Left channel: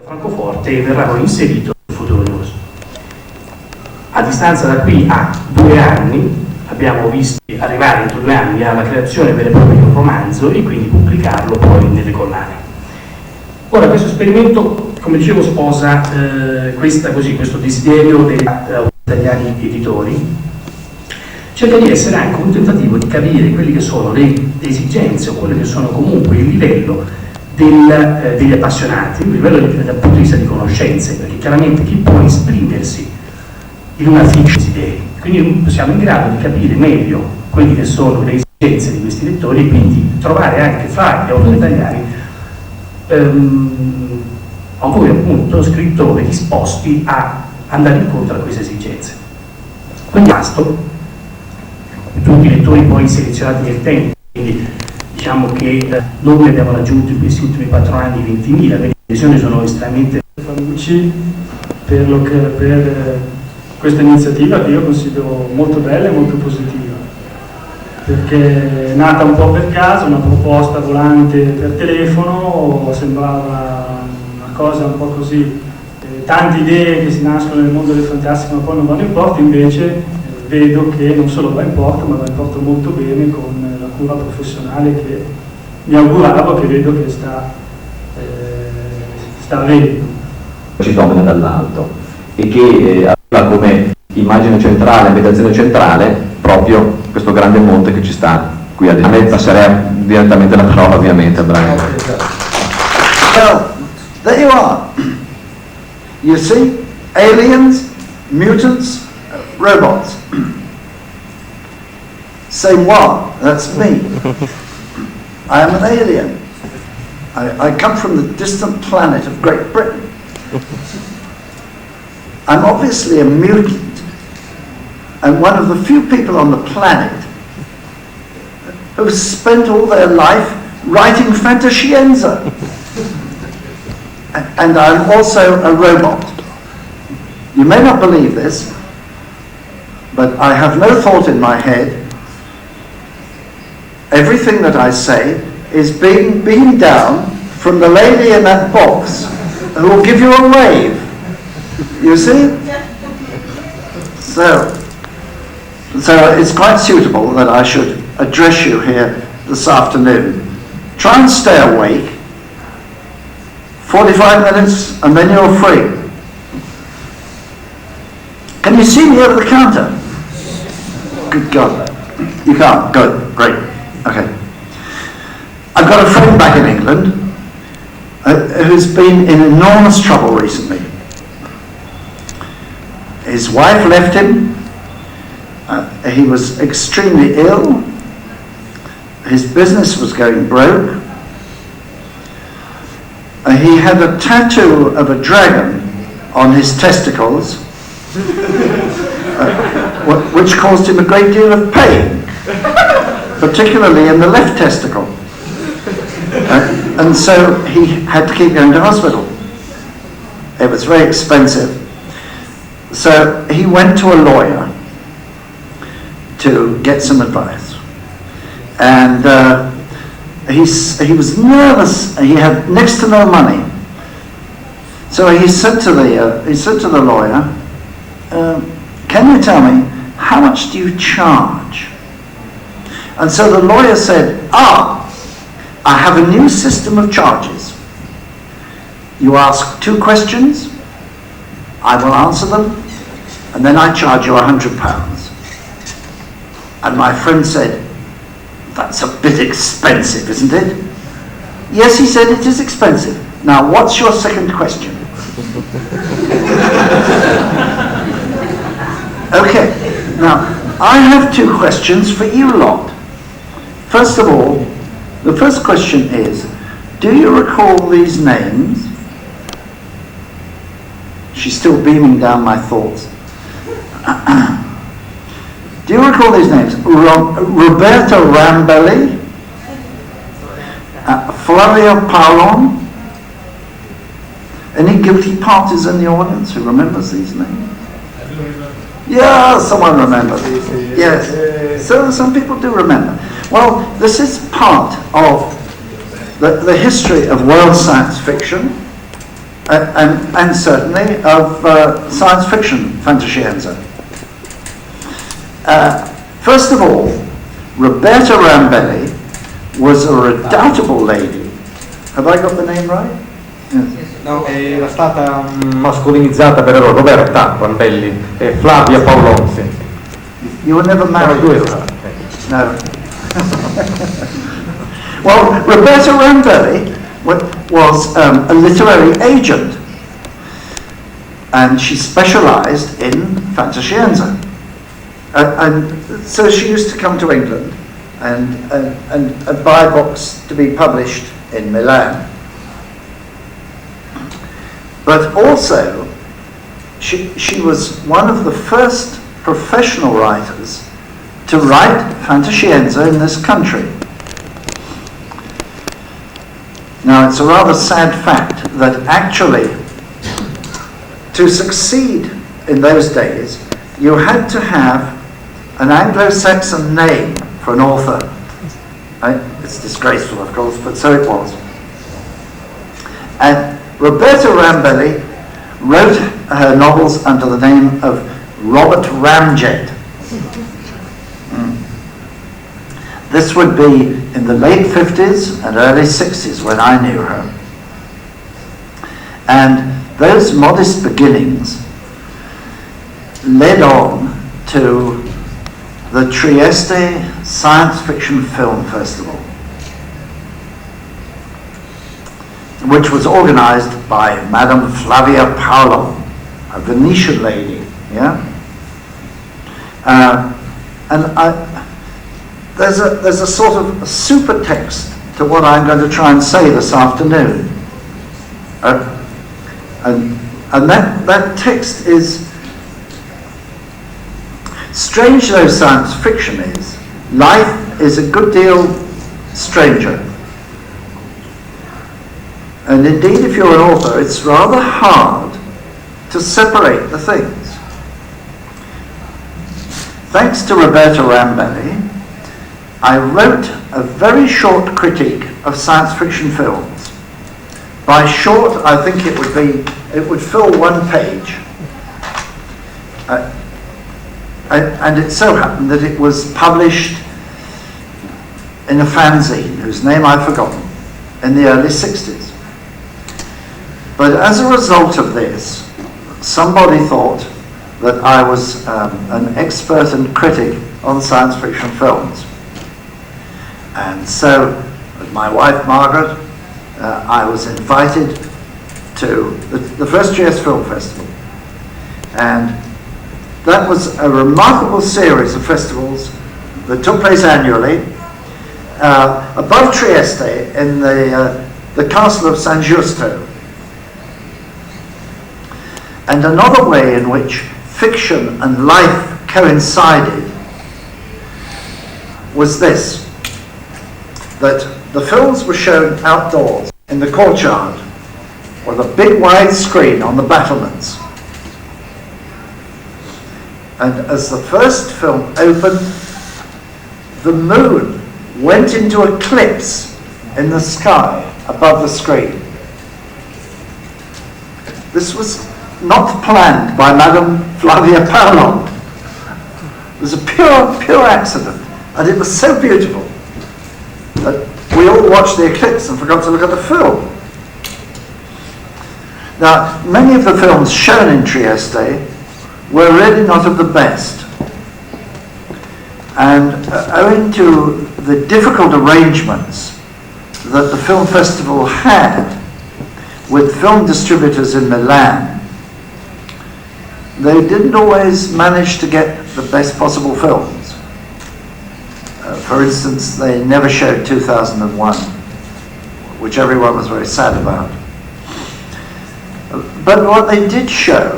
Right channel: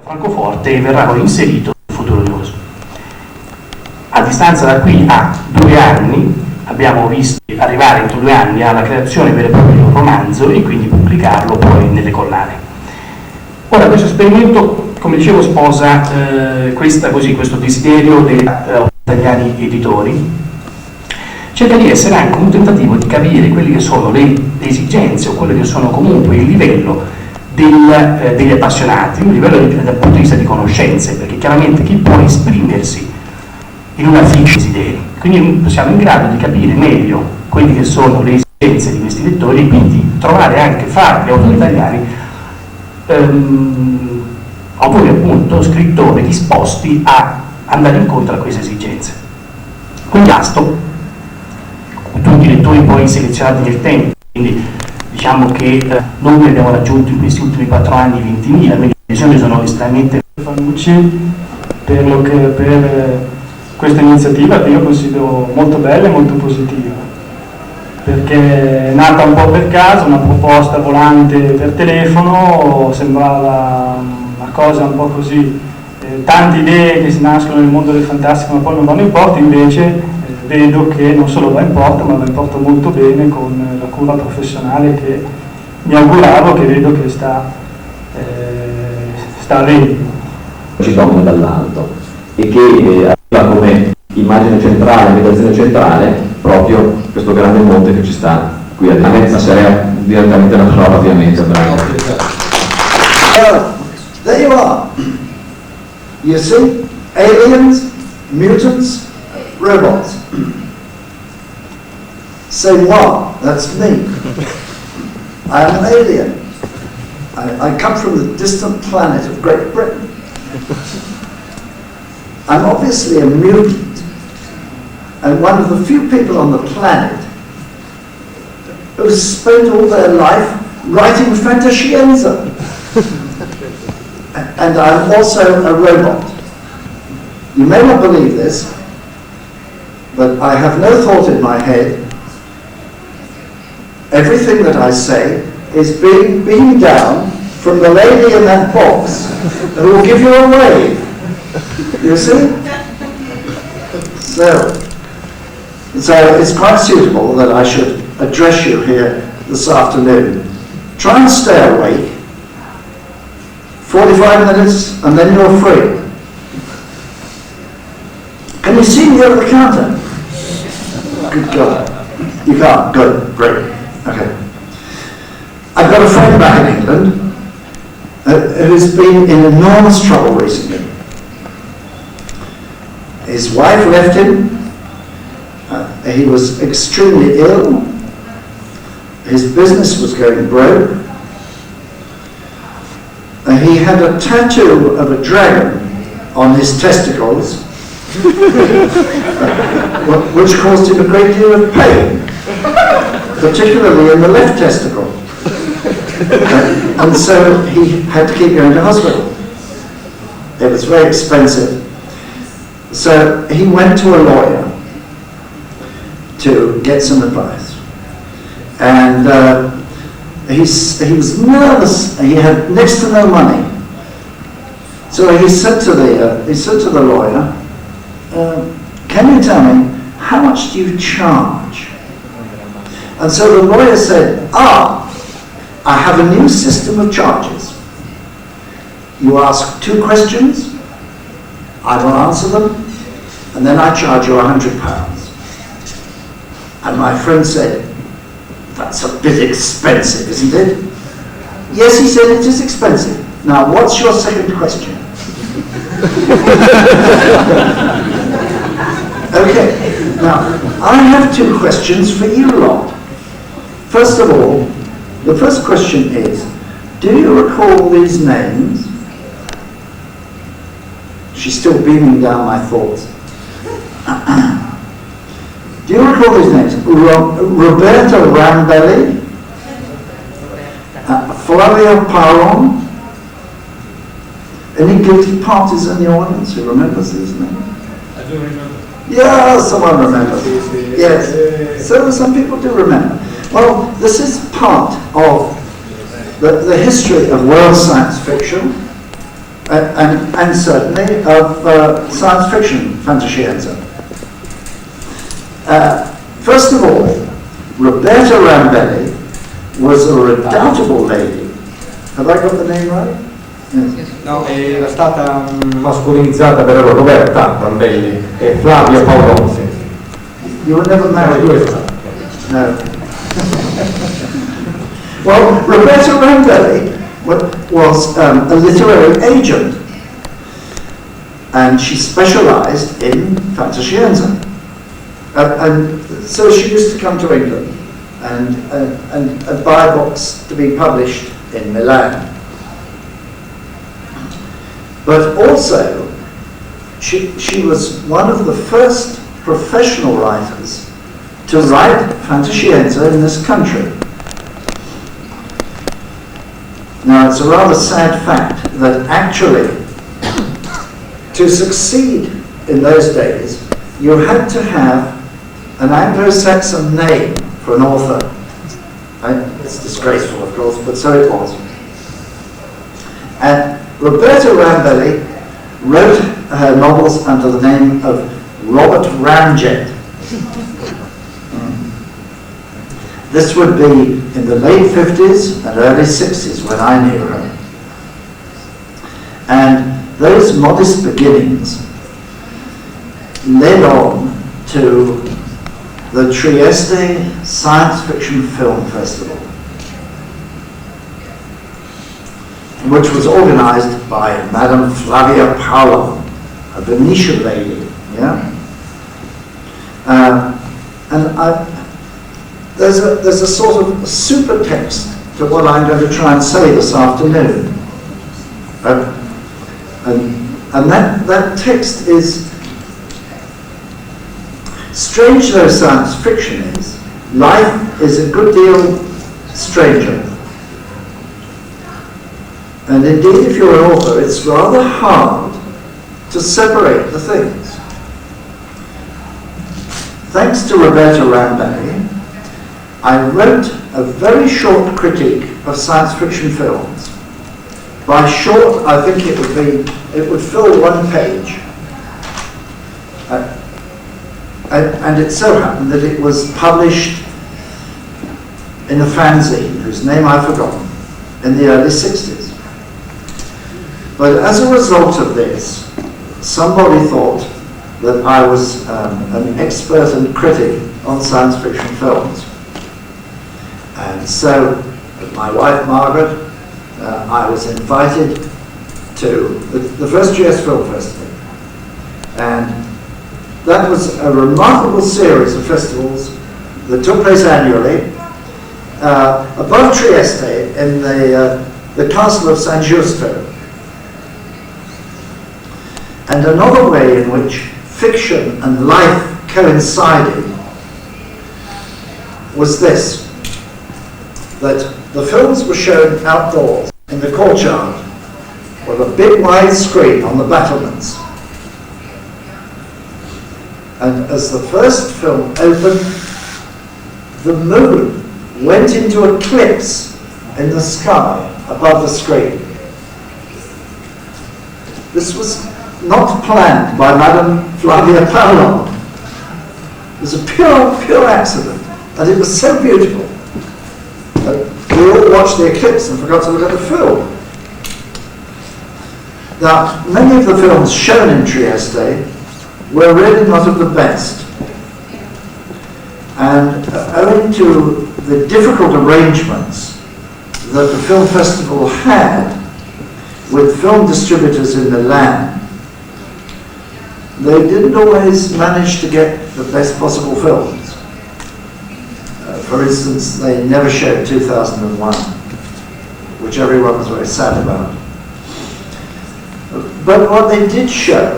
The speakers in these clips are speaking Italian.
Francoforte verrà poi inserito nel futuro corso. A distanza da qui a 2 anni abbiamo visto arrivare entro 2 anni alla creazione vera e propria di un romanzo e quindi pubblicarlo poi nelle collane. Ora questo esperimento, come dicevo, sposa questo desiderio degli italiani editori, cerca di essere anche un tentativo di capire quelle che sono le esigenze o quelle che sono comunque il livello degli appassionati, un livello dal punto di vista di conoscenze, perché chiaramente chi può esprimersi in una fitta desideri, quindi siamo in grado di capire meglio quelle che sono le esigenze di questi lettori e quindi trovare anche fra gli autori italiani autori appunto, scrittori disposti a andare incontro a queste esigenze. Quindi tutti i lettori poi selezionati nel tempo, quindi diciamo che noi abbiamo raggiunto in questi ultimi 4 anni 20.000, quindi le adesioni sono estremamente Fanucci per questa iniziativa che io considero molto bella e molto positiva, perché è nata un po' per caso, una proposta volante per telefono, sembrava una cosa un po' così, tante idee che si nascono nel mondo del fantastico ma poi non vanno in porto, invece vedo che non solo va in porto ma va in porto molto bene con la cura professionale che mi auguravo, che vedo che sta avendo. Ci domina dall'alto e che arriva come immagine centrale, meditazione centrale, proprio questo grande monte che ci sta qui a destra. Passerei direttamente la parola ovviamente. There you are. You see, aliens, mutants, robots. Say what? That's me. I'm an alien. I come from the distant planet of Great Britain. I'm obviously a mutant, and one of the few people on the planet who spent all their life writing fantascienza. And I'm also a robot. You may not believe this, but I have no thought in my head. Everything that I say is being beamed down from the lady in that box who will give you a wave. You see? So it's quite suitable that I should address you here this afternoon. Try and stay awake. 45 minutes and then you're free. Can you see me over the counter? Good God. You can't? Good. Great. Okay. I've got a friend back in England who's been in enormous trouble recently. His wife left him. He was extremely ill. His business was going broke. He had a tattoo of a dragon on his testicles, which caused him a great deal of pain, particularly in the left testicle. And so he had to keep going to hospital. It was very expensive. So he went to a lawyer to get some advice. And he was nervous. He had next to no money. So he said to the lawyer, can you tell me, how much do you charge? And so the lawyer said, I have a new system of charges. You ask 2 questions, I will answer them, and then I charge you £100. And my friend said, that's a bit expensive, isn't it? Yes, he said, it is expensive. Now, what's your second question? Okay, now, I have 2 questions for you lot. First of all, the first question is, do you recall these names? She's still beaming down my thoughts. Do you recall these names? Roberta Rambelli, Flavia Parlon. Any guilty parties in the audience who remembers these names? I do remember. Yeah, someone remembers. Yes. So some people do remember. Well, this is part of the history of world science fiction and certainly of science fiction fantascienza. First of all, Roberta Rambelli was a redoubtable lady. Have I got the name right? No, era stata mascolinizzata per Roberta Rambelli e Flavia Paolo. You were never married to her? No. Well, Roberta Rambelli was a literary agent, and she specialised in fantascienza. And so she used to come to England and buy books to be published in Milan. But also, she was one of the first professional writers to write fantascienza in this country. Now, it's a rather sad fact that actually, to succeed in those days, you had to have an Anglo-Saxon name for an author. It's disgraceful, of course, but so it was. And Roberta Rambelli wrote her novels under the name of Robert Ramjet. This would be in the late 50s and early 60s when I knew her. And those modest beginnings led on to the Trieste Science Fiction Film Festival, which was organized by Madame Flavia Paolo, a Venetian lady, yeah? There's a sort of super text to what I'm going to try and say this afternoon. And that text is, strange though science fiction is, life is a good deal stranger. And indeed, if you're an author, it's rather hard to separate the things. Thanks to Roberta Rambelli, I wrote a very short critique of science fiction films. By short, I think it would fill one page. And it so happened that it was published in a fanzine whose name I've forgotten in the early 60s. But as a result of this, somebody thought that I was an expert and critic on science fiction films. And so, with my wife Margaret, I was invited to the first GS Film Festival. And that was a remarkable series of festivals that took place annually above Trieste in the castle of San Giusto. And another way in which fiction and life coincided was this, that the films were shown outdoors in the courtyard with a big wide screen on the battlements. And as the first film opened, the moon went into eclipse in the sky above the screen. This was not planned by Madame Flavia Paolo. It was a pure accident, and it was so beautiful that we all watched the eclipse and forgot to look at the film. Now, many of the films shown in Trieste were really not of the best. And owing to the difficult arrangements that the film festival had with film distributors in Milan, they didn't always manage to get the best possible films. For instance, they never showed 2001, which everyone was very sad about. But what they did show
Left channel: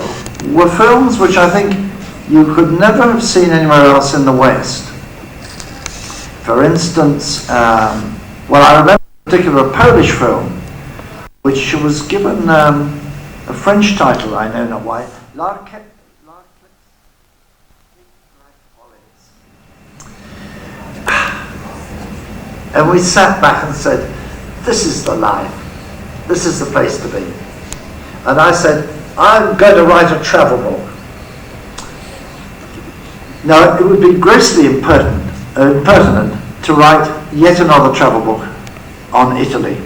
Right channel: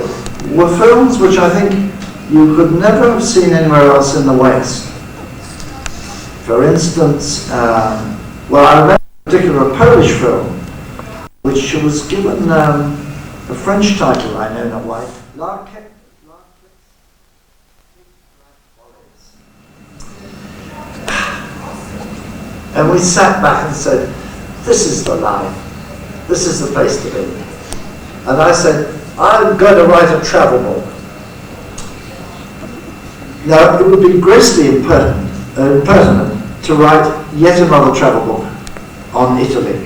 were films which I think you could never have seen anywhere else in the West. For instance, well, I remember a particular Polish film which was given a French title, I know not why, and we sat back and said, this is the life, this is the place to be. And I said, I'm going to write a travel book. Now, it would be grossly impertinent to write yet another travel book on Italy.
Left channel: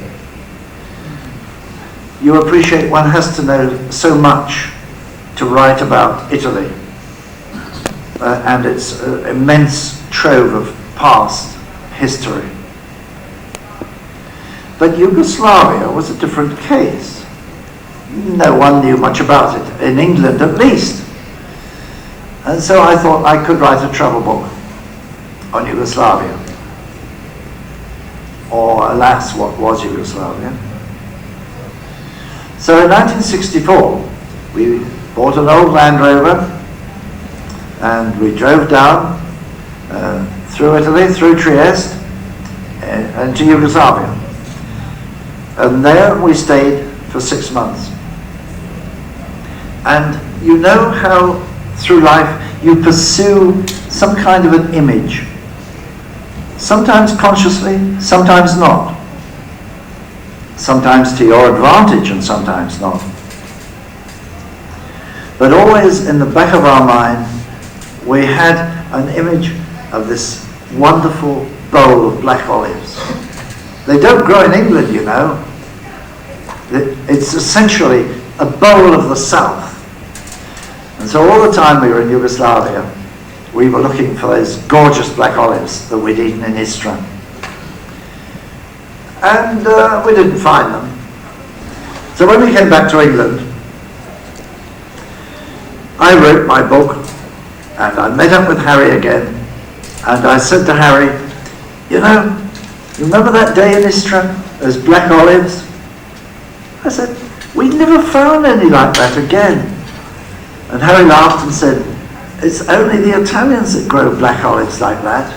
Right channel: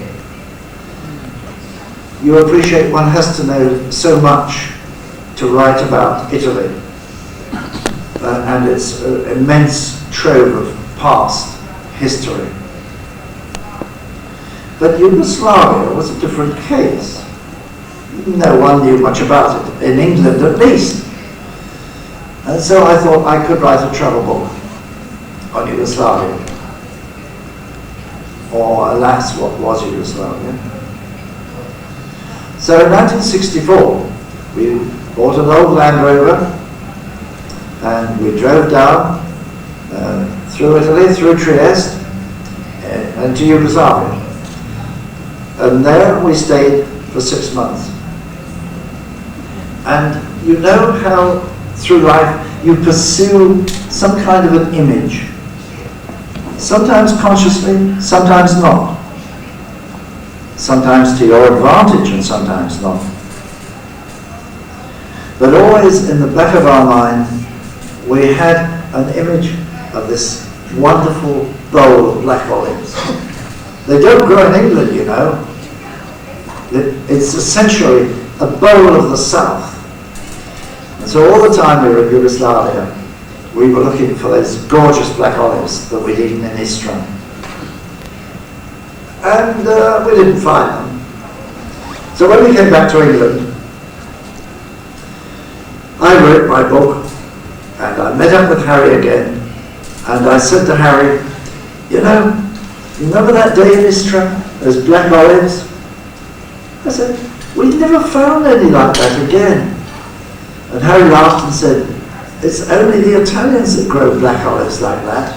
You appreciate one has to know so much to write about Italy and its immense trove of past history. But Yugoslavia was a different case. No one knew much about it, in England at least. And so I thought I could write a travel book on Yugoslavia. Or, alas, what was Yugoslavia? So in 1964, we bought an old Land Rover and we drove down through Italy, through Trieste, and to Yugoslavia. And there we stayed for 6 months. And you know how through life you pursue some kind of an image. Sometimes consciously, sometimes not. Sometimes to your advantage and sometimes not. But always in the back of our mind, we had an image of this wonderful bowl of black olives. They don't grow in England, you know. It's essentially a bowl of the south. And so all the time we were in Yugoslavia, we were looking for those gorgeous black olives that we'd eaten in Istra. And we didn't find them. So when we came back to England, I wrote my book, and I met up with Harry again, and I said to Harry, you know, remember that day in Istra, those black olives? I said, we never found any like that again. And Harry laughed and said, it's only the Italians that grow black olives like that.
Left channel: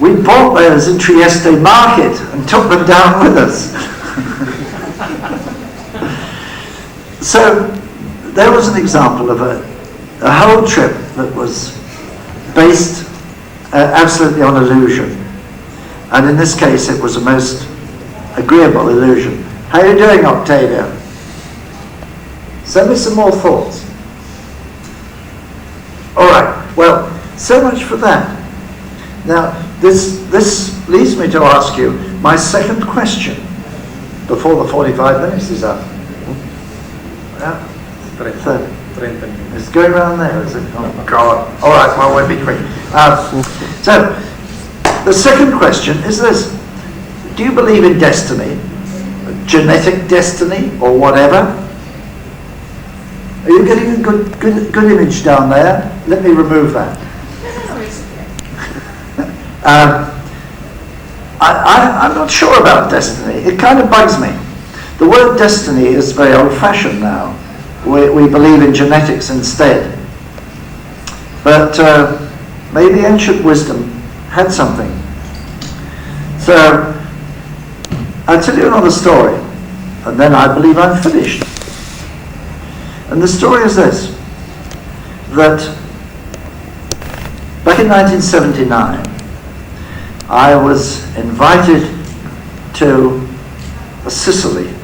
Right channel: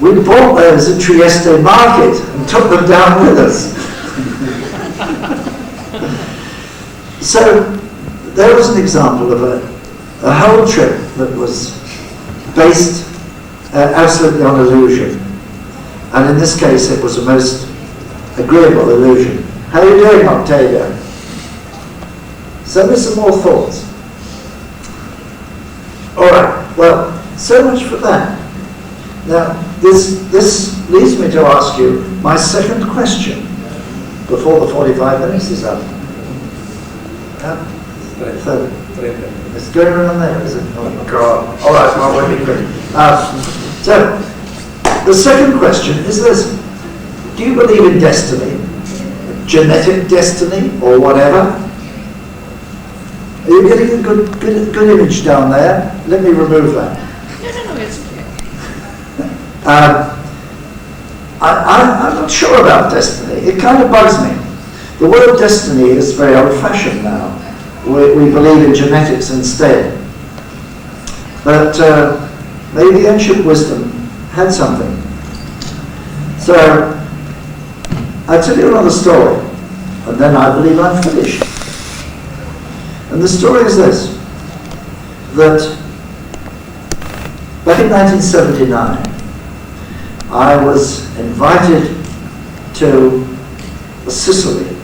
We bought those at Trieste market and took them down with us. So there was an example of a whole trip that was based absolutely on illusion. And in this case it was a most agreeable illusion. How are you doing, Octavia? Send me some more thoughts. All right, well, so much for that. Now, this leads me to ask you my second question before the 45 minutes is up. Third. It's going around there, is it? Oh, God. All right, well, we'll be quick. So, the second question is this. Do you believe in destiny? Genetic destiny, or whatever? Are you getting a good image down there? Let me remove that. No, it's okay. I'm not sure about destiny. It kind of bugs me. The word destiny is very old-fashioned now. We believe in genetics instead. But maybe ancient wisdom had something. So, I'll tell you another story, and then I believe I'm finished. And the story is this, that back in 1979, I was invited to Sicily.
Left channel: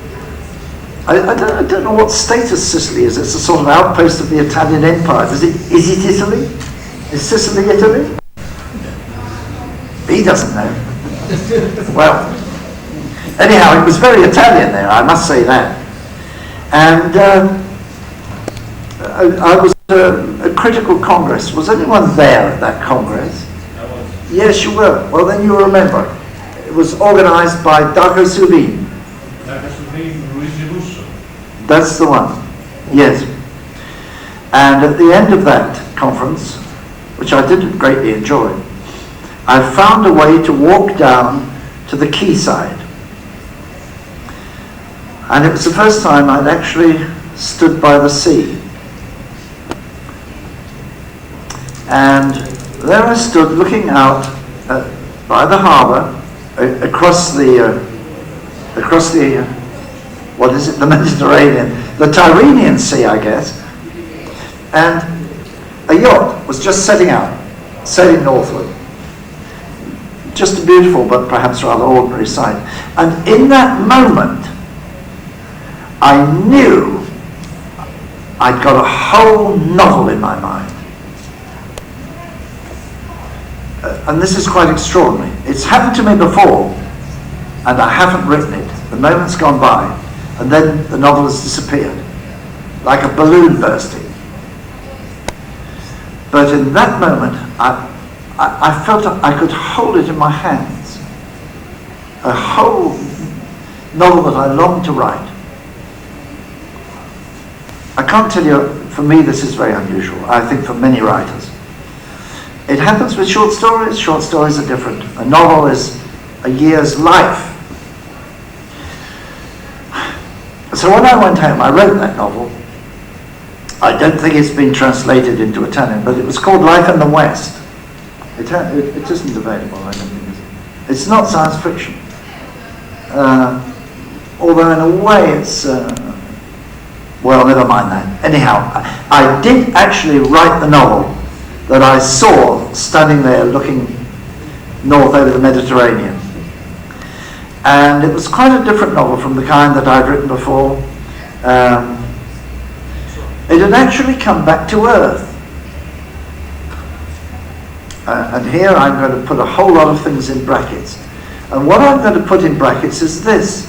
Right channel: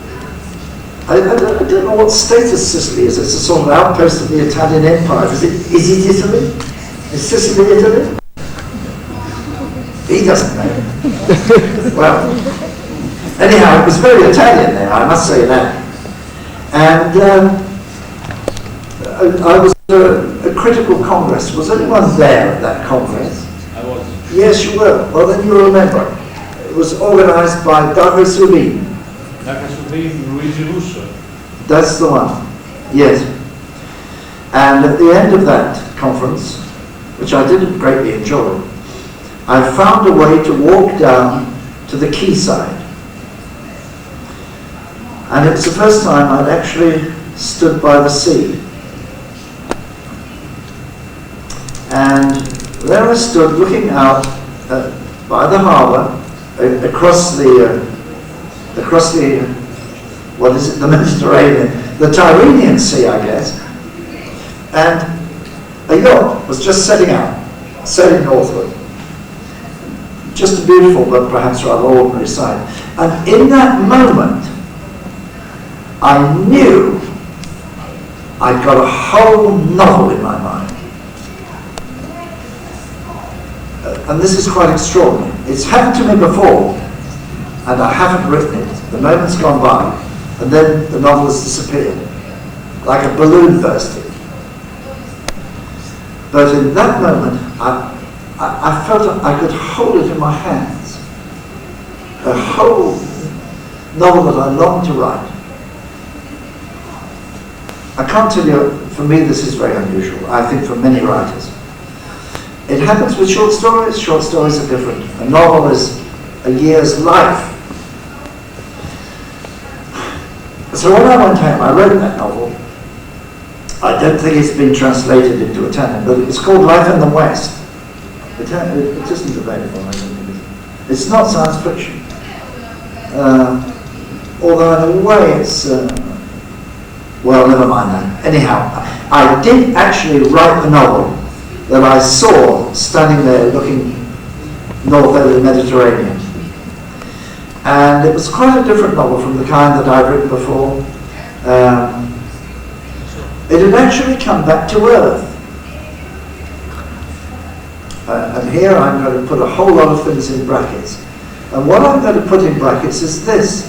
I don't know what status Sicily is. It's a sort of outpost of the Italian Empire. Is it Italy? Is Sicily Italy? He doesn't know. Well, anyhow, it was very Italian there, I must say that. And I was at a critical congress. Was anyone there at that congress? I was. Yes, you were. Well, then you remember. It was organized by Dago Subin. Luigi Russo. That's the one. Yes. And at the end of that conference, which I did greatly enjoy, I found a way to walk down to the quayside. And it was the first time I'd actually stood by the sea. And there I stood looking out by the harbour, across the what is it, the Mediterranean, the Tyrrhenian Sea, I guess. And a yacht was just setting out, sailing northward. Just a beautiful but perhaps rather ordinary sight. And in that moment, I knew I got a whole novel in my mind. And this is quite extraordinary. It's happened to me before, and I haven't written it. The moment's gone by, and then the novel has disappeared, like a balloon bursting. But in that moment, I felt I could hold it in my hands. A whole novel that I longed to write. I can't tell you, for me this is very unusual, I think for many writers. It happens with short stories. Short stories are different. A novel is a year's life. So when I went home, I wrote that novel. I don't think it's been translated into Italian, but it was called Life in the West. It isn't available, I don't think. It's not science fiction. Although in a way it's, well, never mind that. Anyhow, I did actually write the novel that I saw standing there looking north over the Mediterranean. And it was quite a different novel from the kind that I'd written before. It had actually come back to Earth. And here I'm going to put a whole lot of things in brackets. And what I'm going to put in brackets is this,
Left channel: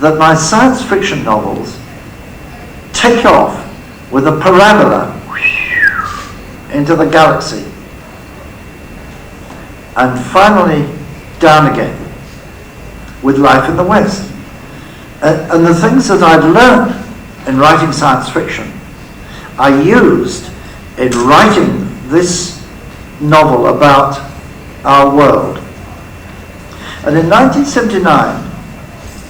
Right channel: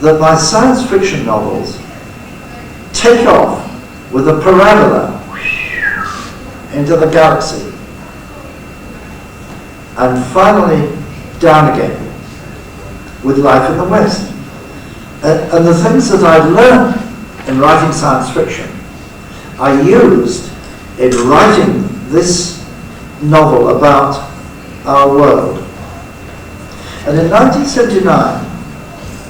that my science fiction novels take off with a parabola into the galaxy and finally down again with Life in the West. And the things that I've learned in writing science fiction, I used in writing this novel about our world. And in 1979,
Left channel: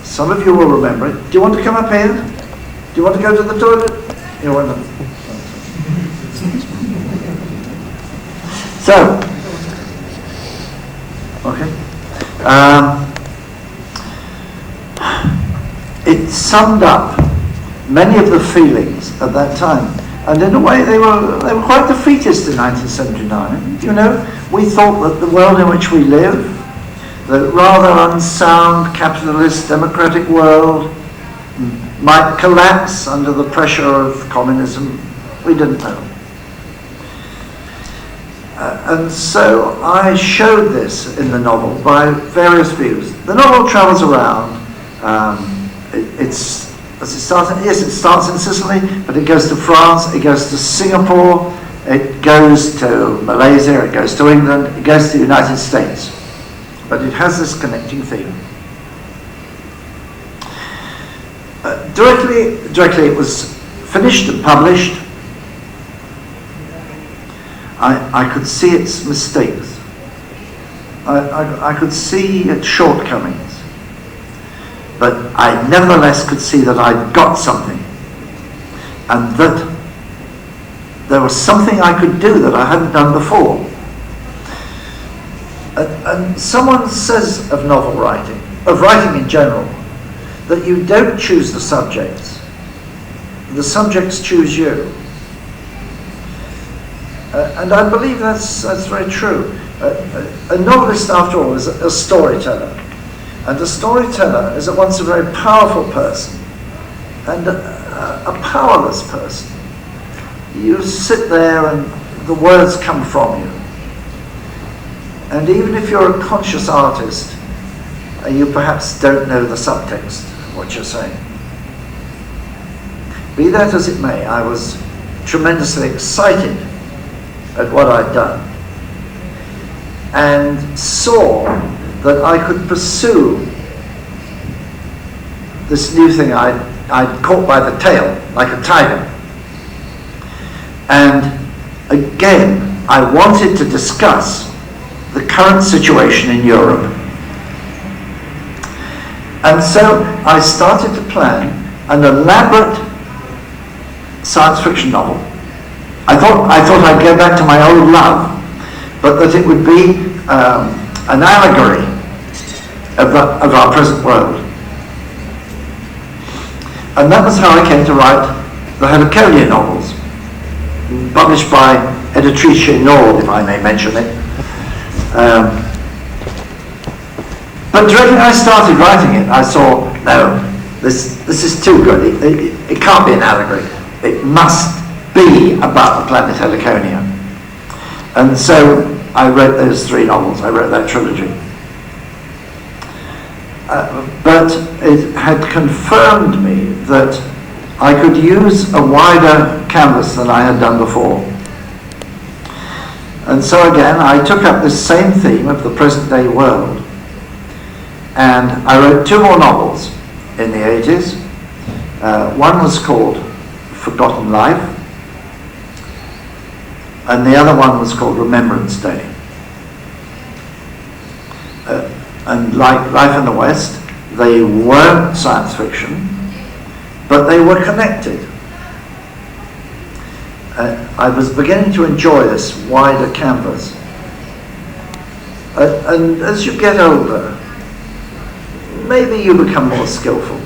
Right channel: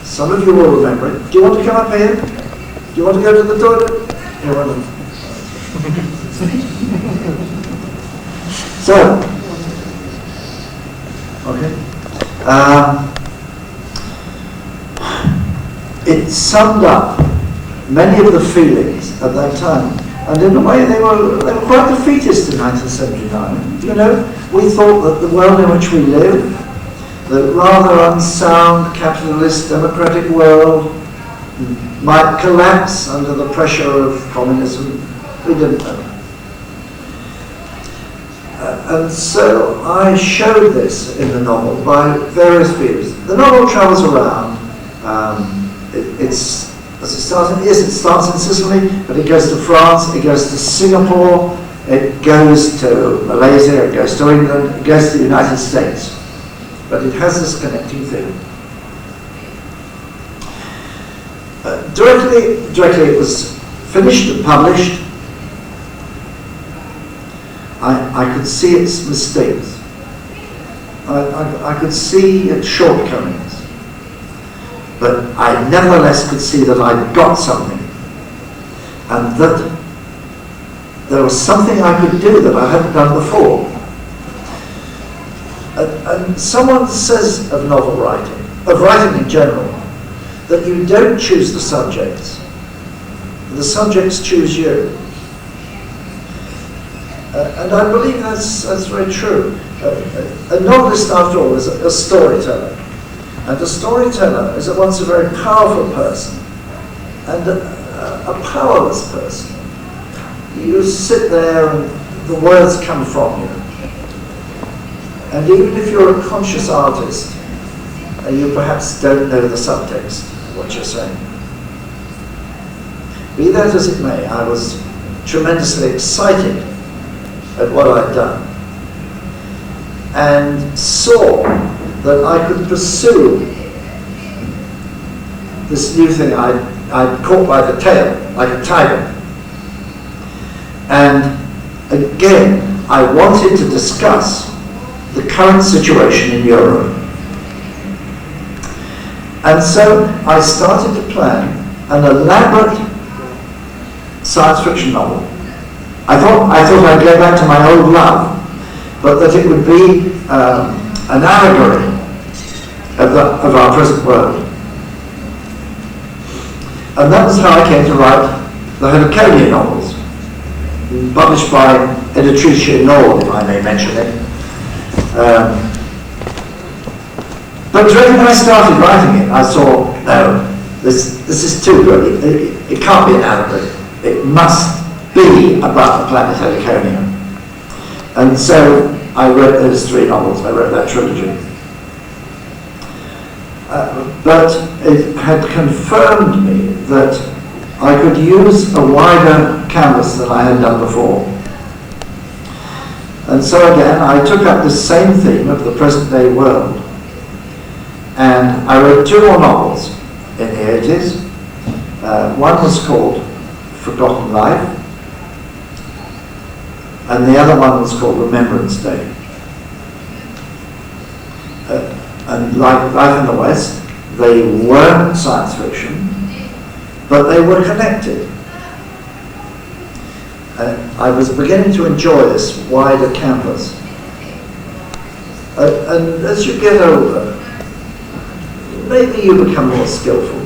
some of you will remember it. Do you want to come up here? Do you want to go to the toilet? You want to? So, okay. It summed up many of the feelings at that time. And in a way, they were quite defeatist in 1979. You know, we thought that the world in which we live, the rather unsound capitalist democratic world, might collapse under the pressure of communism. We didn't know. And so I showed this in the novel by various views. The novel travels around. It starts in Sicily, but it goes to France, it goes to Singapore, it goes to Malaysia, it goes to England, it goes to the United States. But it has this connecting theme. Directly it was finished and published. I could see its mistakes. I could see its shortcomings. But I nevertheless could see that I'd got something. And that there was something I could do that I hadn't done before. And someone says of novel writing, of writing in general, that you don't choose the subjects. The subjects choose you. And I believe that's very true. A novelist, after all, is a storyteller. And a storyteller is at once a very powerful person and a powerless person. You sit there and the words come from you. And even if you're a conscious artist, you perhaps don't know the subtext of what you're saying. Be that as it may, I was tremendously excited at what I'd done and saw that I could pursue this new thing I'd caught by the tail, like a tiger. And again, I wanted to discuss the current situation in Europe. And so I started to plan an elaborate science fiction novel. I thought I'd go back to my old love, but that it would be an allegory of our present world. And that was how I came to write the Italcon novels, published by Editrice Nord, if I may mention it. But directly when I started writing it, I saw, no, this is too good. It can't be an allegory. it must be about the planet Italcon. And so I wrote those 3 novels, I wrote that trilogy. But it had confirmed me that I could use a wider canvas than I had done before. And so again, I took up this same theme of the present day world. And I wrote 2 more novels in the 80s. One was called Forgotten Life, and the other one was called Remembrance Day. And like Life in the West, they weren't science fiction, but they were connected. I was beginning to enjoy this wider canvas. And as you get older, maybe you become more skillful,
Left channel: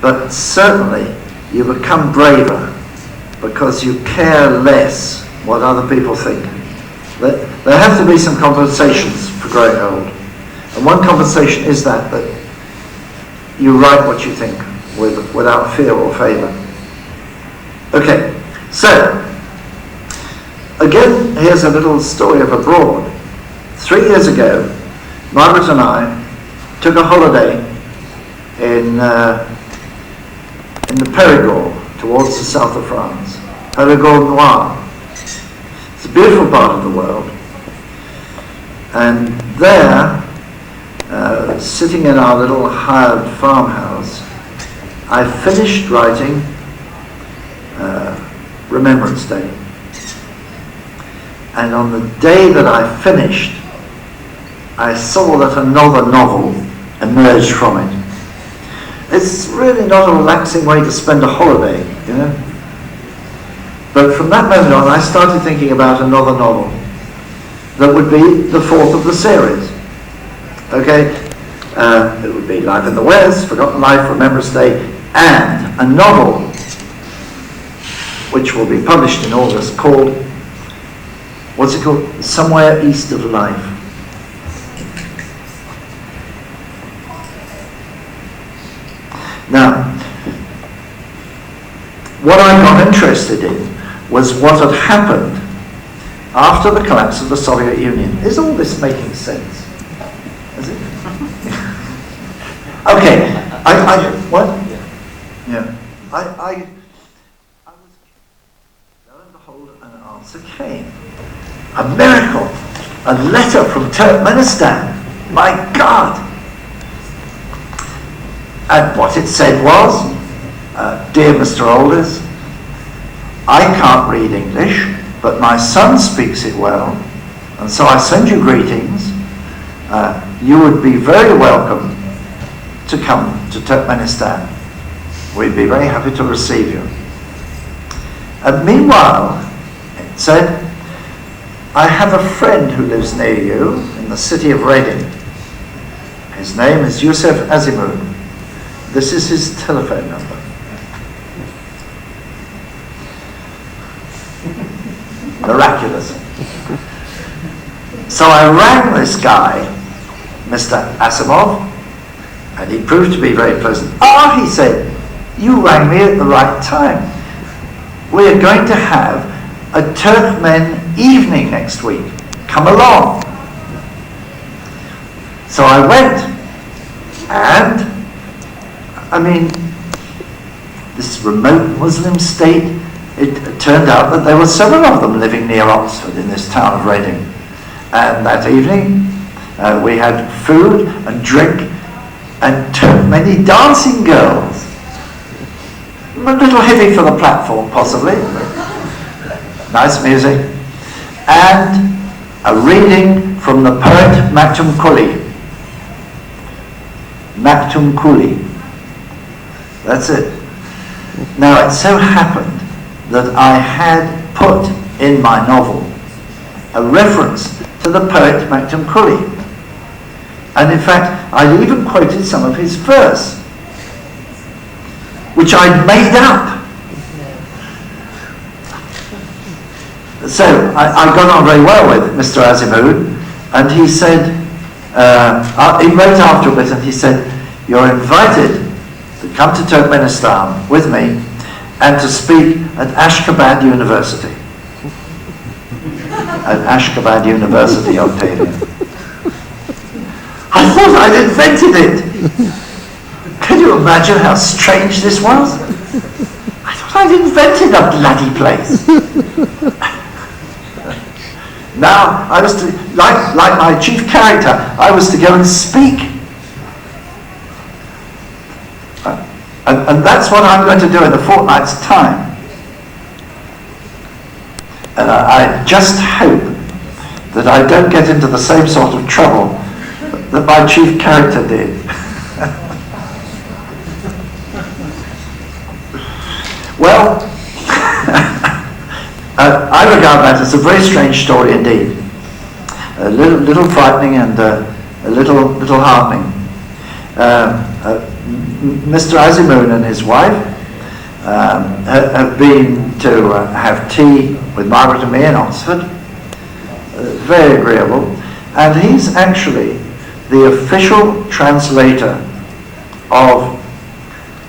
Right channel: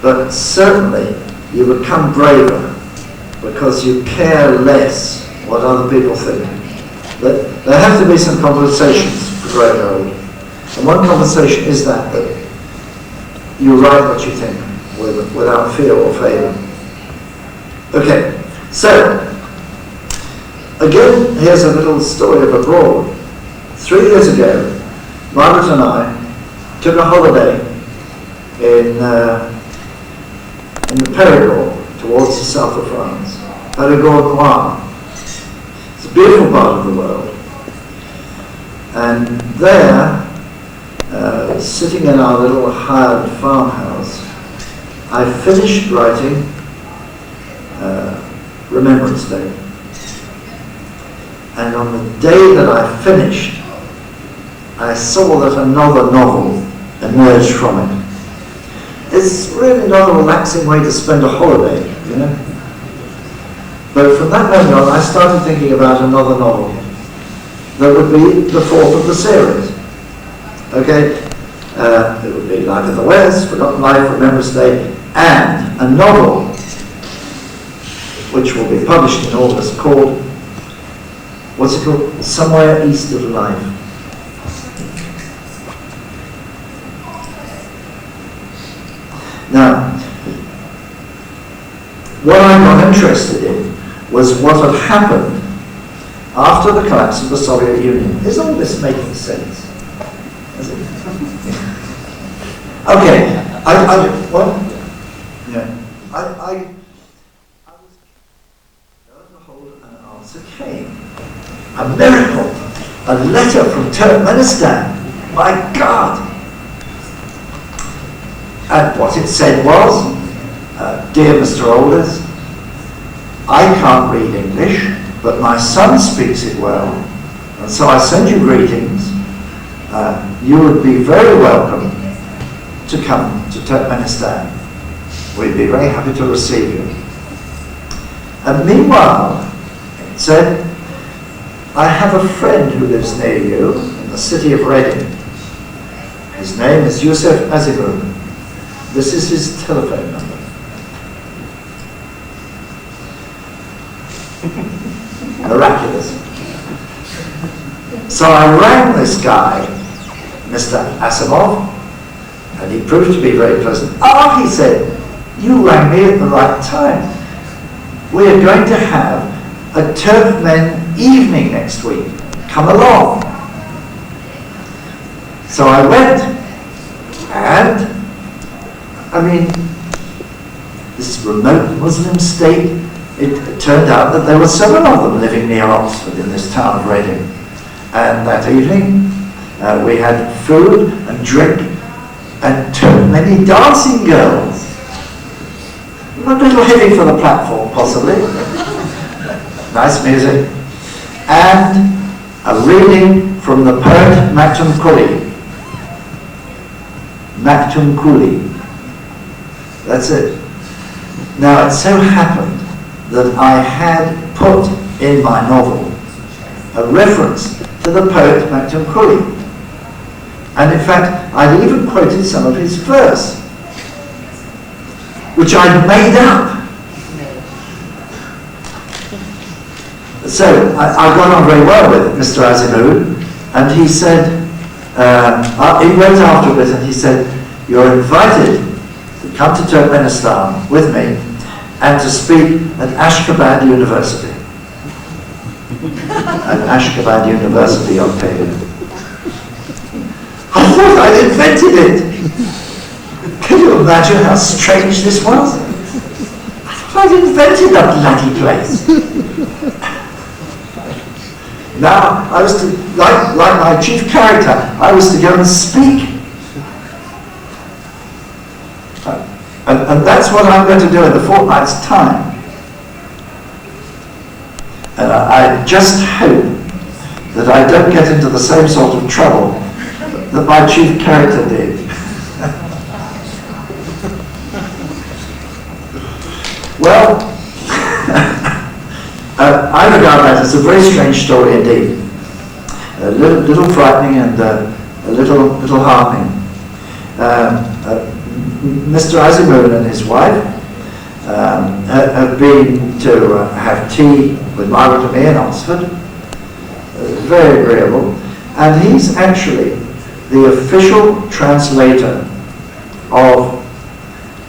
but certainly you become braver because you care less what other people think. There have to be some compensations for growing old. And one compensation is that you write what you think without fear or favour. Okay, so again, here's a little story of abroad. 3 years ago, Margaret and I took a holiday in the Périgord towards the south of France, Périgord Noir. It's a beautiful part of the world. And there, sitting in our little hired farmhouse, I finished writing Remembrance Day. And on the day that I finished, I saw that another novel emerged from it. It's really not a relaxing way to spend a holiday, you know. But from that moment on, I started thinking about another novel that would be the 4th of the series. Okay, it would be Life in the West, Forgotten Life, Remembrance Day, and a novel which will be published in August called, what's it called? Somewhere East of Life. Now, what I got interested in was what had happened after the collapse of the Soviet Union. Is all this making sense? Is it? Okay, what? Yeah. I was, lo and behold, an answer came. A miracle. A letter from Turkmenistan. My God! And what it said was, Dear Mr. Alders, I can't read English, but my son speaks it well, and so I send you greetings. You would be very welcome to come to Turkmenistan. We'd be very happy to receive you. And meanwhile, it said, I have a friend who lives near you in the city of Reading. His name is Yusuf Azimud. This is his telephone number. Miraculous. So I rang this guy, Mr. Asimov, and he proved to be very pleasant. He said, you rang me at the right time. We are going to have a Turkmen evening next week. Come along. So I went, and I mean, this remote Muslim state, it turned out that there were several of them living near Oxford in this town of Reading. And that evening, we had food and drink and many dancing girls. A little heavy for the platform, possibly. Nice music. And a reading from the poet Maktum Kuli. Maktum Kuli. That's it. Now, it so happened that I had put in my novel a reference to the poet Maktum Kuli. And in fact, I'd even quoted some of his verse, which I'd made up. So I got on very well with Mr. Azimud, and he said, he wrote after a bit and he said, you're invited to come to Turkmenistan with me, and to speak at Ashgabat University. At Ashgabat University, Octavia. I thought I'd invented it. Can you imagine how strange this was? I thought I'd invented that bloody place. Now, I was to, like my chief character, I was to go and speak. And that's what I'm going to do in a fortnight's time. And I just hope that I don't get into the same sort of trouble that my chief character did. Well, I regard that as a very strange story indeed. A little frightening and a little heartening. Mr. Azimuth and his wife have been to have tea with Margaret and me in Oxford. Very agreeable. And he's actually the official translator of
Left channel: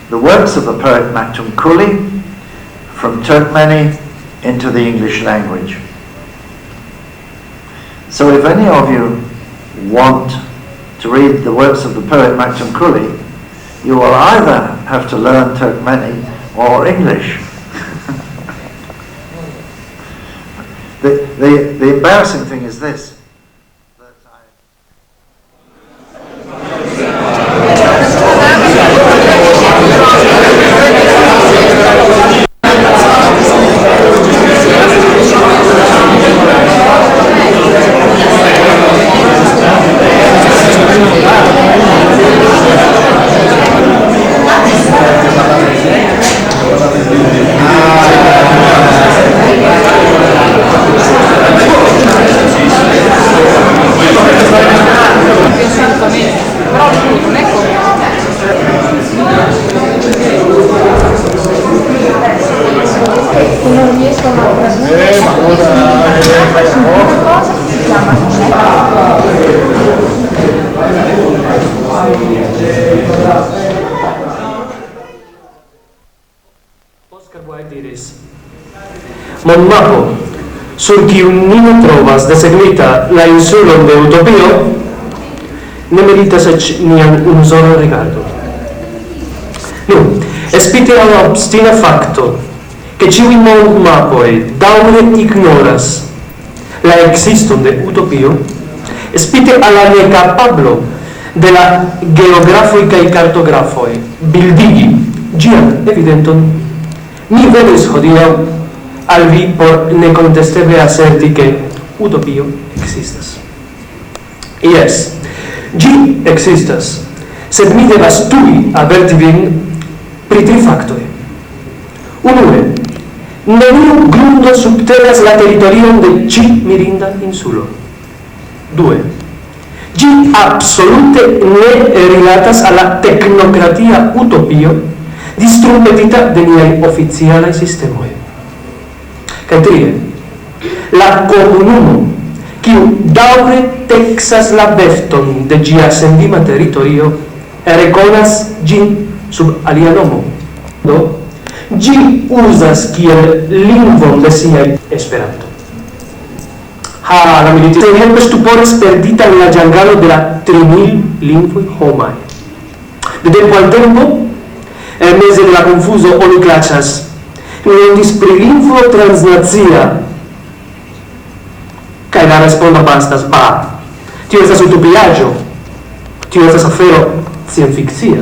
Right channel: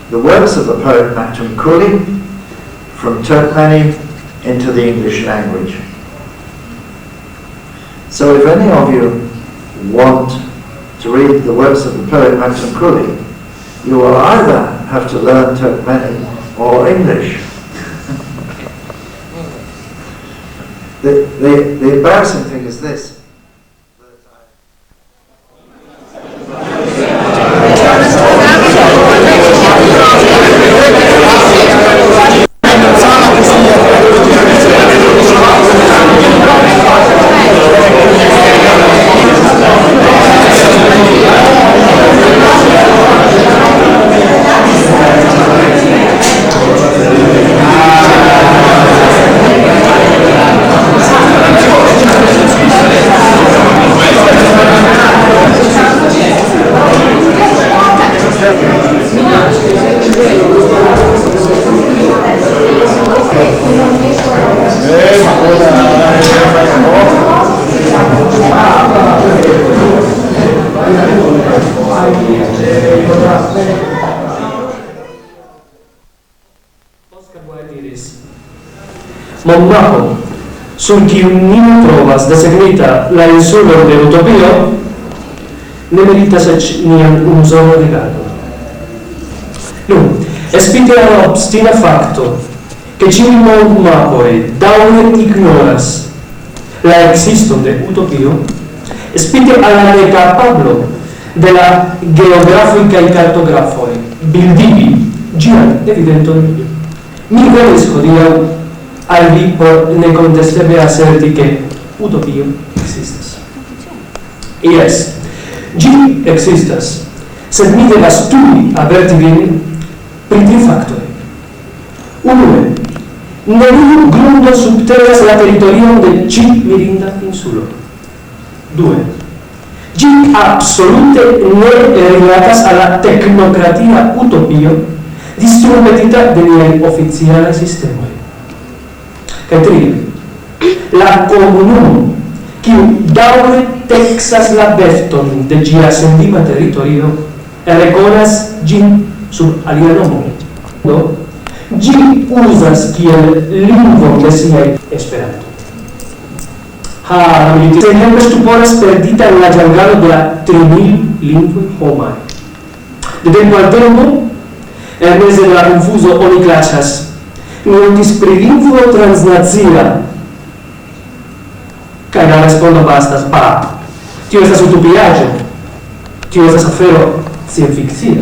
the works of the poet Maktum Kuli from Turkmeni into the English language. So if any of you want to read the works of the poet Maktum Kuli, you will either have to learn Turkmeni or English. The embarrassing thing is this. Monmaco, sul chi un nime trovas desegnita la insulon de utopio, ne meritas nian unusolan rigardo. Nu, espite alla obstina facto, che ciui Monmacoi daure ignoras la existon de utopio, espite alla necapablo de la geografoi cae cartografoi bildigi gian evidenton, mi venis hodiaŭ al vi por necontestable asserti che utopio existas. Yes, gi existas, sed mi devas tui averti vin pri tri factoi. Unue, neniu grundo subtenas la territorion de ci mirinda insulo. Due, gi absolute ne rilatas alla tecnocratia utopio distrumpetita de niai oficialai sistemoi. Kaj trie, la komunumo, kiu daŭre teksas la befton de ĝia sendima teritorio, rekonas ĝin sub alia nomo. Do, ĝi uzas kiel lingvon de siaj Esperanto. La milito exemple stuporas perdita en la ĝangalo de la 3000 lingvoj homaj. De tempo al tempo, en meze de la konfuzo oni klaĉas Nondis pri lingvo transnacia, kaj la respondo bastas, tio estas utopiaĵo, tio estas afero scienfikcia.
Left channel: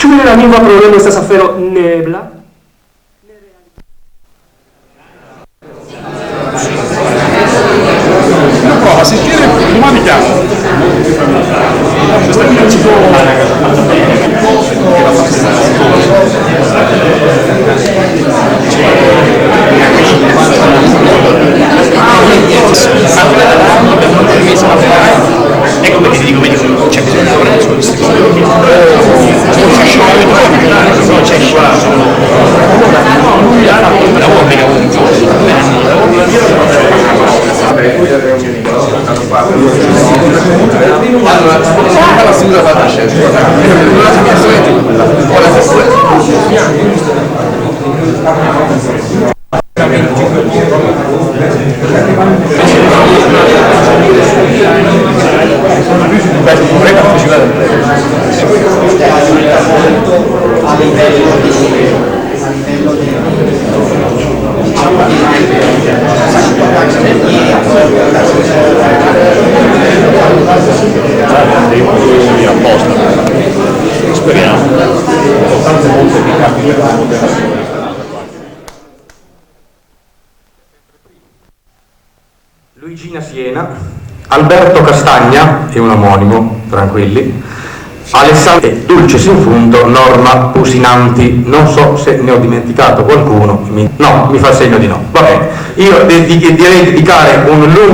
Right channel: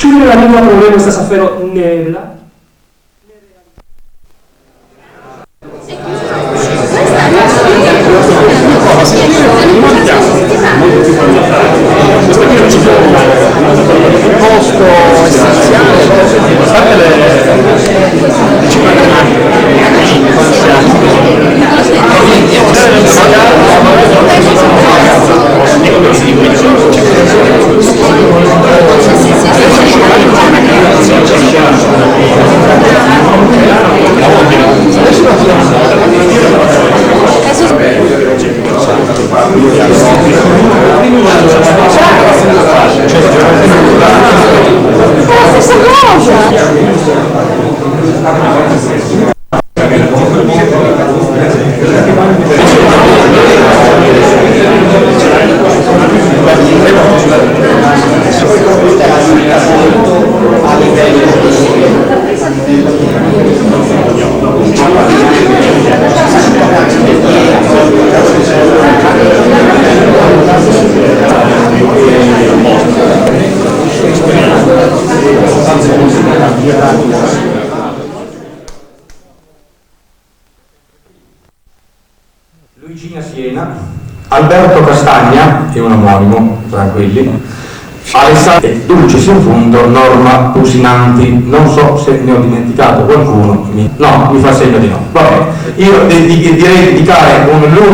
Ĉu la lingva problemo estas afero neebla? Assistire l'umanità molto più familiare. Questa qui non ci può ecco perché ti dico vedi quelli. Alessandro e Dulcis in fundo, Norma Usinanti. Non so se ne ho dimenticato qualcuno. No, mi fa segno di no. Vabbè, io direi di dedicare un lungo...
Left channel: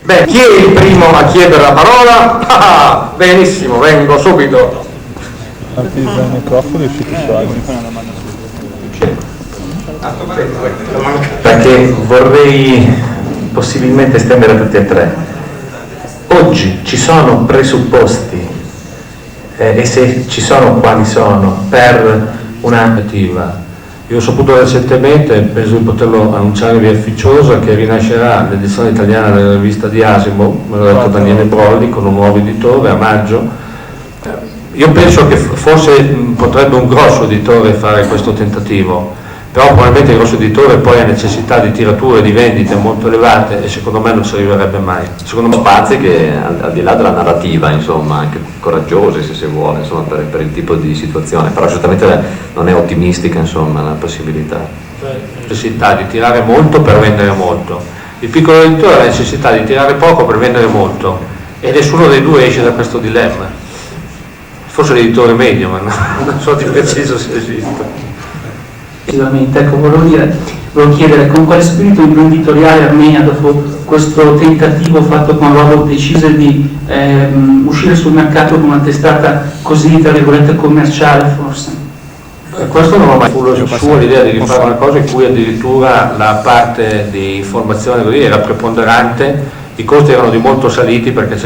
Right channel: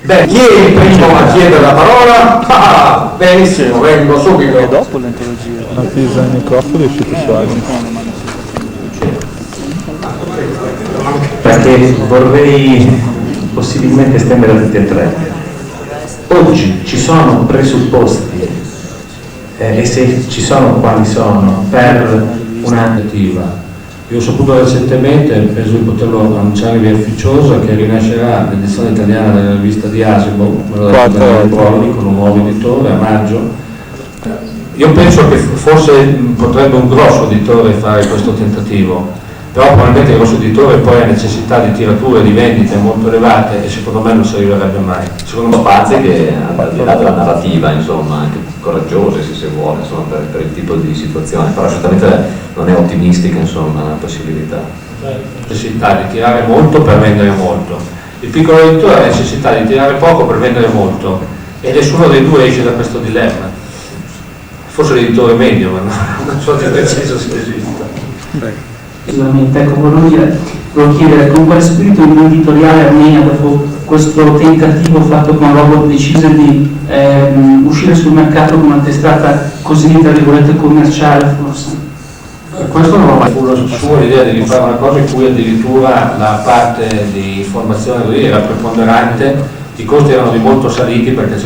Beh, chi è il primo a chiedere la parola? Ah, benissimo, vengo subito. Attesa il microfono è uscito su perché vorrei possibilmente estendere a tutti e tre. Oggi ci sono presupposti e se ci sono quali sono per un'attiva. Io ho saputo recentemente, penso di poterlo annunciare via ufficiosa, che rinascerà l'edizione italiana della rivista di Asimo, Daniele Prodi, con un nuovo editore a maggio. Io penso che forse potrebbe un grosso editore fare questo tentativo, però probabilmente il grosso editore poi ha necessità di tirature, di vendite molto elevate e secondo me non ci arriverebbe mai. Secondo me spazi che al di là della narrativa, insomma, anche coraggiose se si vuole, insomma, per il tipo di situazione, però giustamente non è ottimistica, insomma, la possibilità. Necessità di tirare molto per vendere molto. Il piccolo editore ha necessità di tirare poco per vendere molto e nessuno dei due esce da questo dilemma. Forse l'editore medio, ma non so di preciso se esiste. Precisamente, ecco, volevo chiedere con quale spirito imprenditoriale Armenia, dopo questo tentativo fatto con Robot, decise di uscire sul mercato con una testata così, tra virgolette, commerciale forse? Questo non ho mai avuto sua l'idea di rifare una cosa in cui addirittura la parte di formazione così era preponderante, i costi erano di molto saliti perché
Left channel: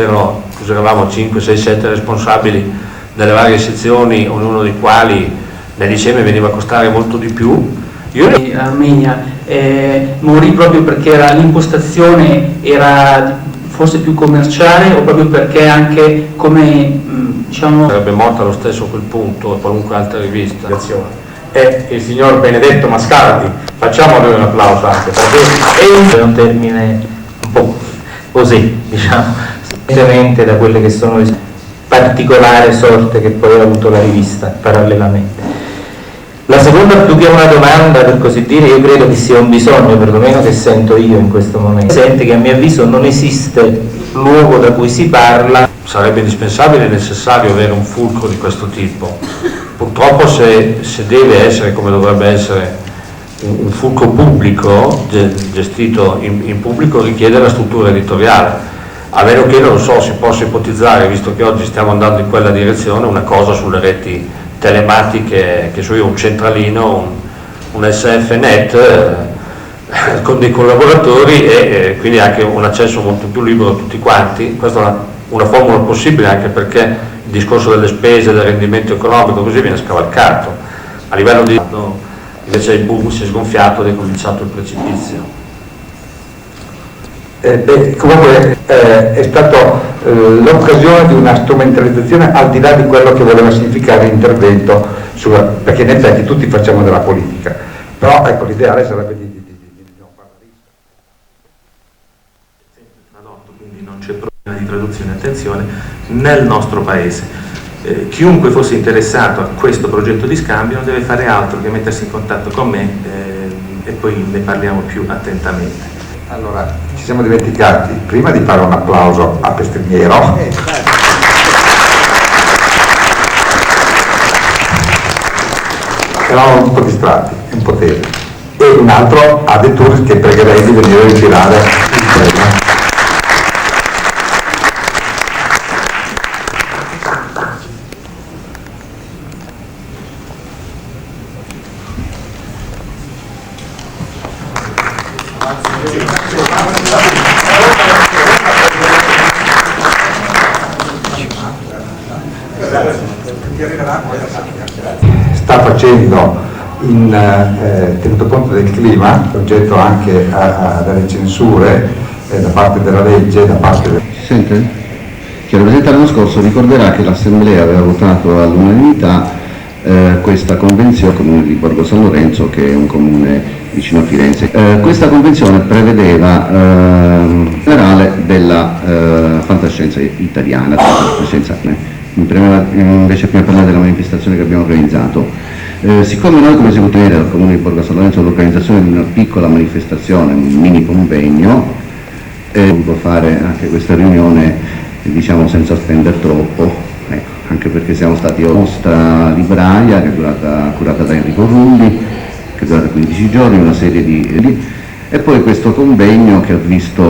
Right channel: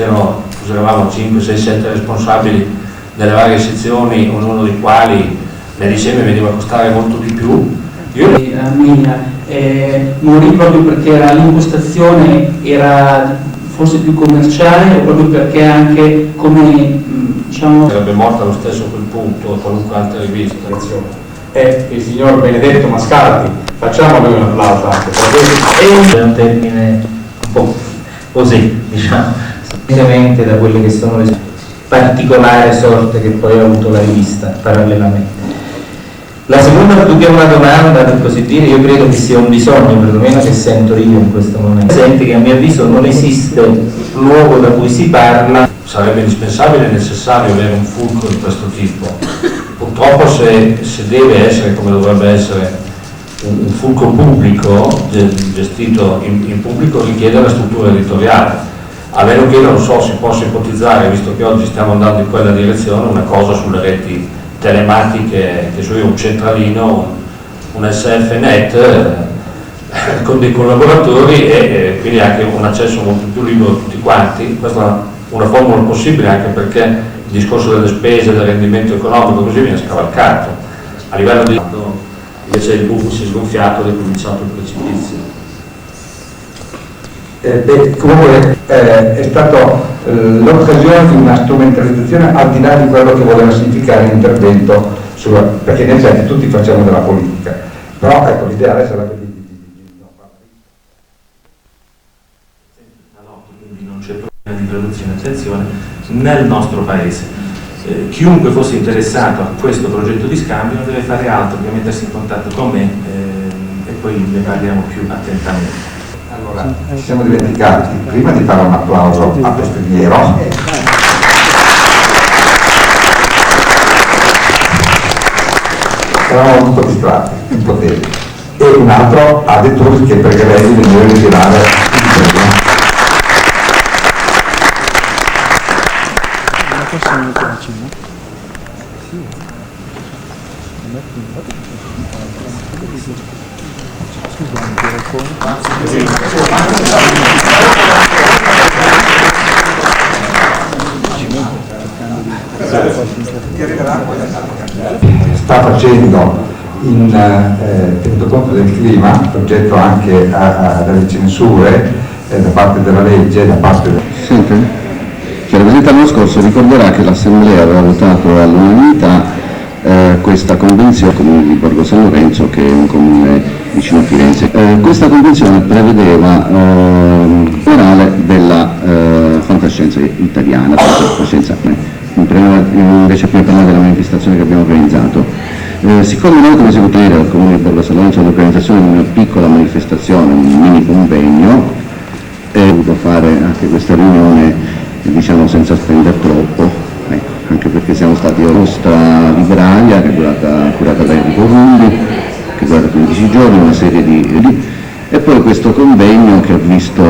eravamo 5, 6, 7 responsabili delle varie sezioni, ognuno dei quali l'insieme veniva a costare molto di più. Armenia morì proprio perché l'impostazione era forse più commerciale o proprio perché anche come diciamo... Sarebbe morta allo stesso a quel punto a qualunque altra rivista. È il signor Benedetto Mascardi, facciamo noi un applauso anche perché è un termine un po' così, diciamo, semplicemente da quelle che sono le particolari sorte che poi ha avuto la rivista parallelamente. La seconda, più che una domanda per così dire, io credo che sia un bisogno, perlomeno che sento io in questo momento. Senti che a mio avviso non esiste luogo da cui si parla. Sarebbe indispensabile e necessario avere un fulcro di questo tipo. Purtroppo se deve essere, come dovrebbe essere, un fulcro pubblico, gestito in pubblico, richiede una struttura editoriale. A meno che, non so, si possa ipotizzare, visto che oggi stiamo andando in quella direzione, una cosa sulle reti telematiche, che so io, un centralino, un SFNet con dei collaboratori e quindi anche un accesso molto più libero a tutti quanti. Questa è una formula possibile, anche perché il discorso delle spese, del rendimento economico così viene scavalcato. A livello di invece il boom si è sgonfiato ed è cominciato il precipizio. Comunque è stata l'occasione di una strumentalizzazione al di là di quello che voleva significare l'intervento, perché in effetti tutti facciamo della politica, però ecco, l'ideale sarebbe quindi non c'è problema di traduzione, attenzione, nel nostro paese. Chiunque fosse interessato a questo progetto di scambio non deve fare altro che mettersi in contatto con me e poi ne parliamo più attentamente. Allora, ci siamo dimenticati prima di fare un applauso a Pestrigliero. Eravamo un po' distratti, un po' tesi. E un altro a De Turris che pregherei di venire a ritirare il tema. Sta facendo, tenuto conto del clima, oggetto anche delle censure da parte della legge, da parte del... Sente? Che il rappresentante l'anno scorso ricorderà che l'Assemblea aveva votato all'unanimità questa convenzione al comune di Borgo San Lorenzo, che è un comune vicino a Firenze. Questa convenzione prevedeva generale della fantascienza italiana, invece prima parlare della manifestazione che abbiamo organizzato. Siccome noi come si può tenere dal comune di Borgo San Lorenzo l'organizzazione di una piccola manifestazione, un mini convegno, ho voluto fare anche questa riunione diciamo senza spendere troppo, ecco, anche perché siamo stati a nostra libraria che è curata da Enrico Rulli, che è durata 15 giorni, una serie di e poi questo convegno che ha visto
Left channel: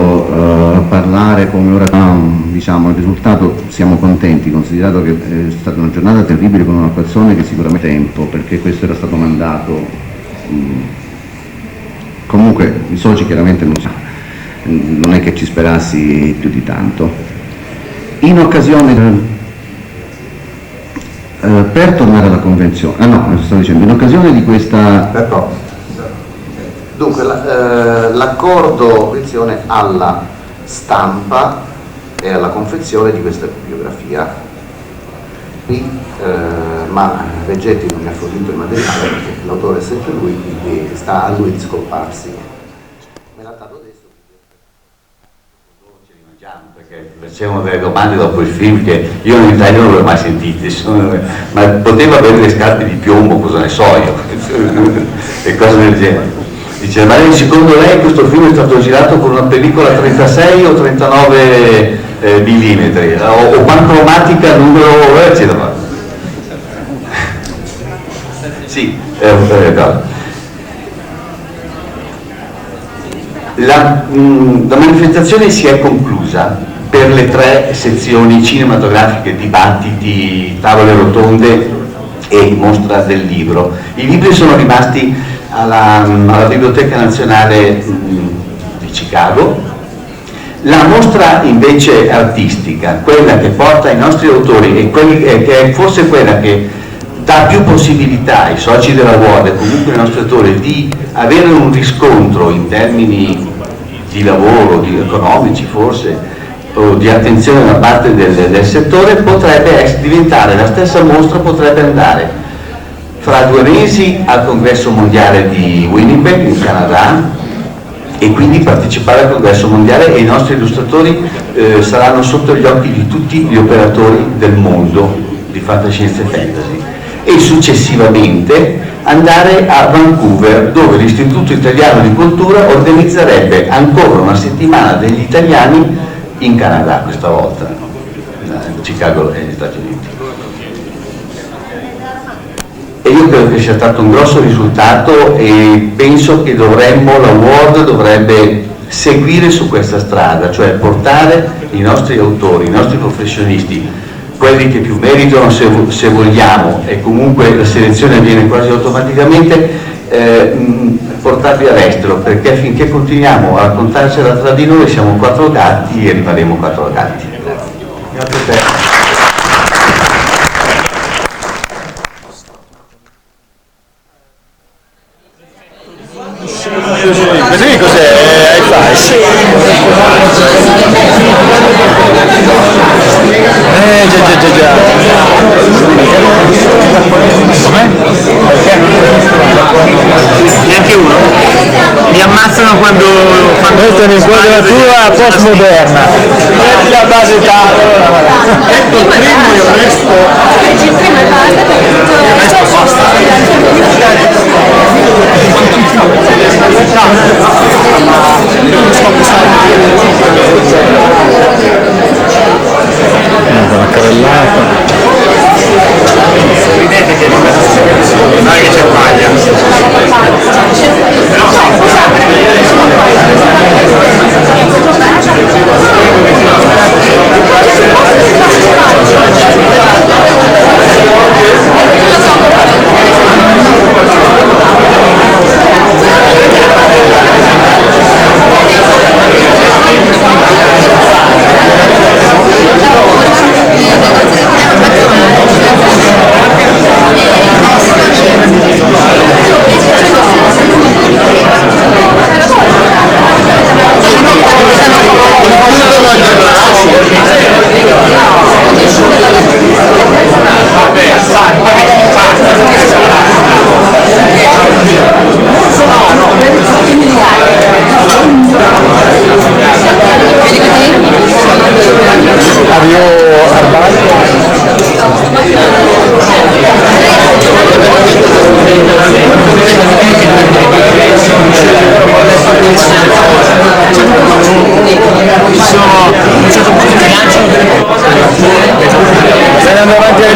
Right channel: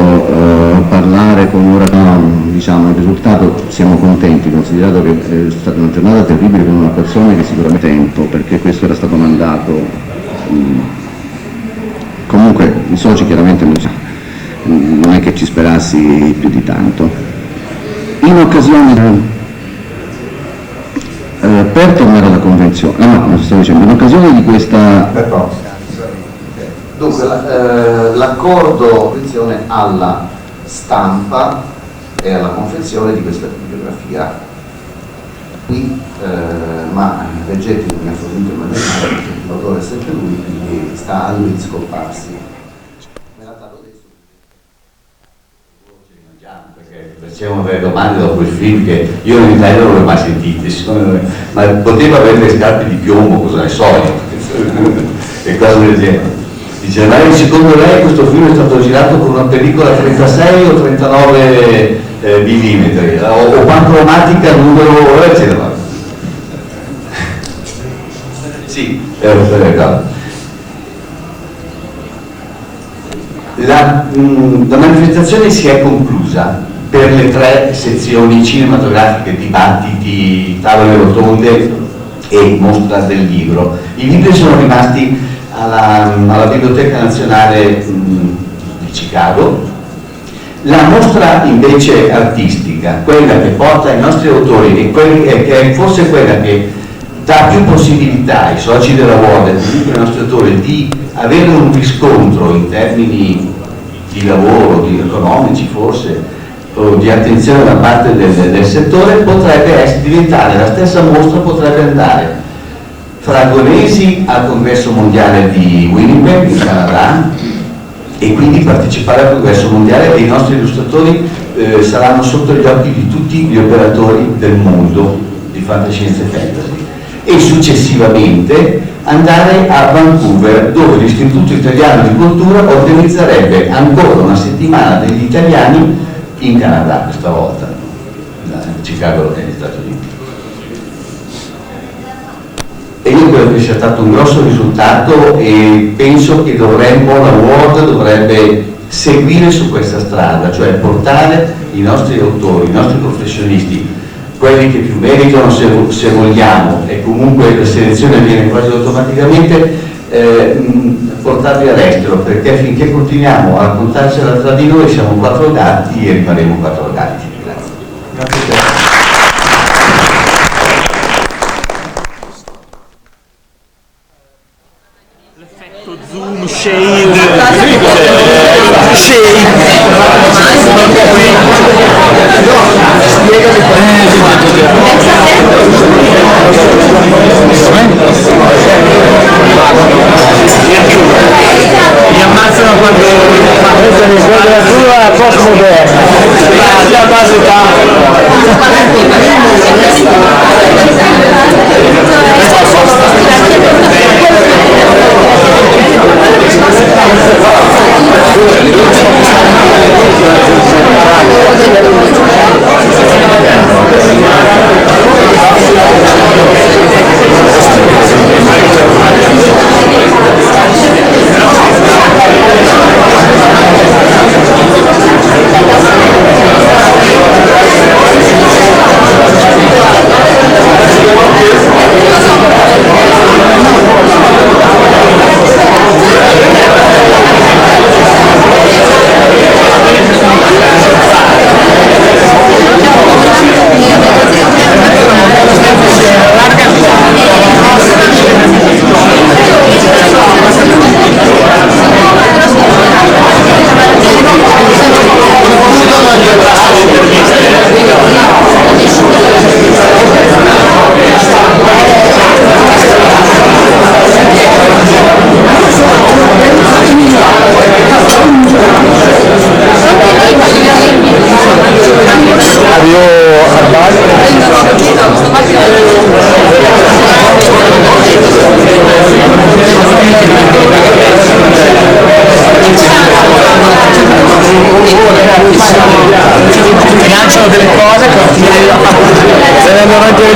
parlare come ora, diciamo il risultato siamo contenti, considerato che è stata una giornata terribile con una persona che sicuramente tempo, perché questo era stato mandato, comunque i soci chiaramente non è che ci sperassi più di tanto. In occasione per tornare alla convenzione, in occasione di questa dunque l'accordo alla stampa e alla confezione di questa bibliografia qui, ma Vegetti non mi ha fornito il materiale perché l'autore è sempre lui, quindi sta a lui di scolparsi. Facevano delle domande dopo il film che io in Italia non le ho mai sentite, ma poteva avere le scarpe di piombo, cosa ne so io, e cose del genere. Dice, ma secondo lei questo film è stato girato con una pellicola 36 o 39 millimetri, o pancromatica numero, eccetera. Sì, la manifestazione si è conclusa per le 3 sezioni cinematografiche, dibattiti, tavole rotonde e mostra del libro. I libri sono rimasti alla Biblioteca Nazionale di Chicago. La mostra invece artistica, quella che porta i nostri autori e che è forse quella che dà più possibilità ai soci della World e comunque ai nostri autori di avere un riscontro in termini di lavoro, di economici forse, o di attenzione da parte del settore, potrebbe diventare la stessa mostra, potrebbe andare fra 2 mesi al congresso mondiale di Winnipeg in Canada e quindi partecipare al congresso mondiale, e i nostri illustratori saranno sotto gli occhi di tutti gli operatori del mondo di fantascienza e fantasy, e successivamente andare a Vancouver, dove l'Istituto Italiano di Cultura organizzerebbe ancora una settimana degli italiani in Canada, questa volta Chicago negli Stati Uniti. E io credo che sia stato un grosso risultato, e penso che la World dovrebbe seguire su questa strada, cioè portare i nostri autori, i nostri professionisti, quelli che più meritano se vogliamo, e comunque la selezione avviene quasi automaticamente, portarli all'estero, perché finché continuiamo a raccontarcela tra di noi siamo 4 gatti e rimarremo 4 gatti. Grazie. Grazie a te. Vedi cos'è? Com'è? Neanche uno. Mi ammazzano quando questa è un'inquadratura postmoderna. Grazie a base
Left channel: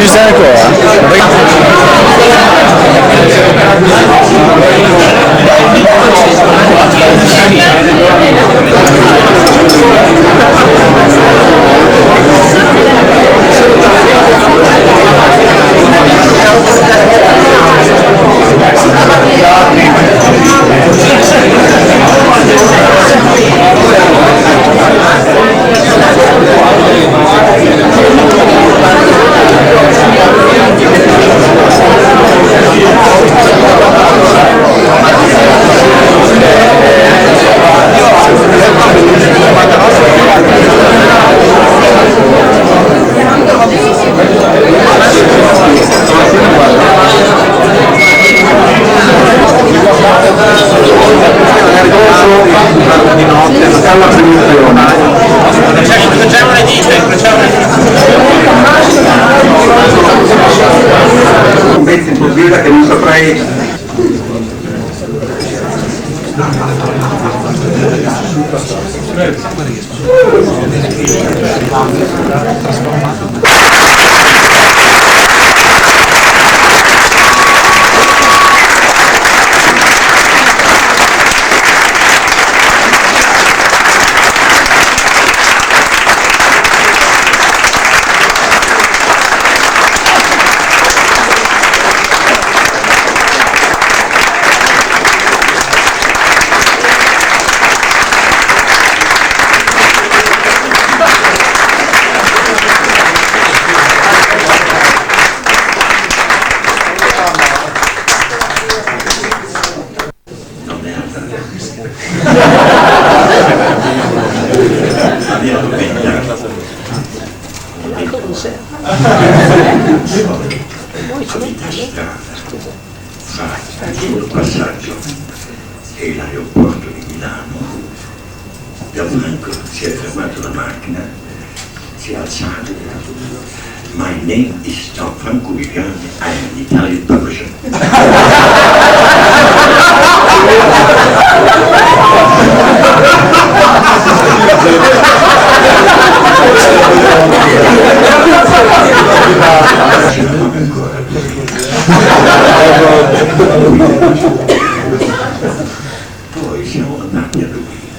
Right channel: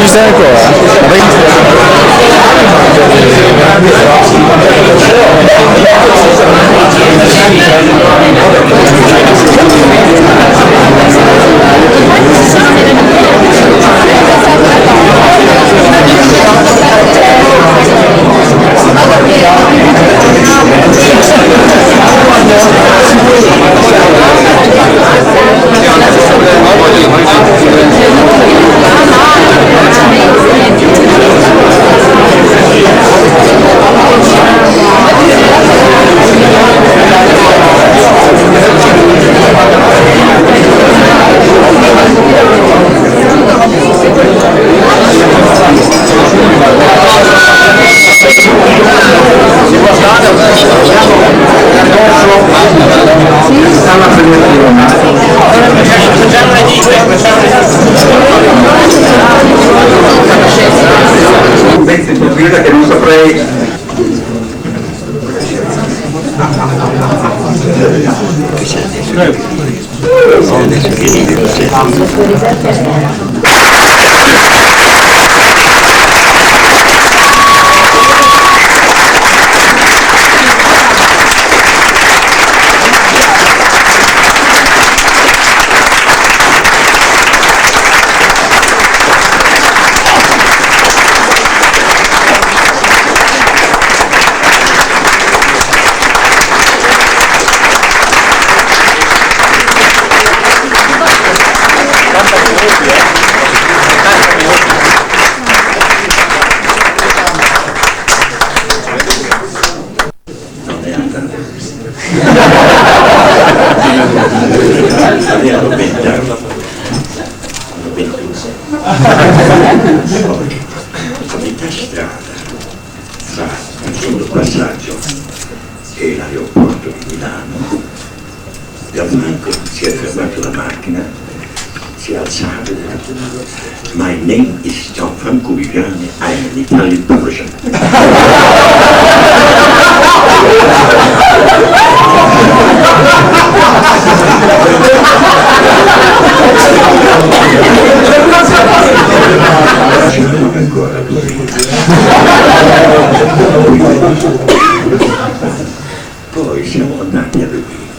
ci stai ancora? Un pezzo in pubblica che non saprei. A metà strada fra il solo passaggio e l'aeroporto di Milano, da Franco si è fermato la macchina, si è alzato e ha detto: My name is Gianfranco Viviani, I am an Italian publisher. Poi siamo andati a Dublino,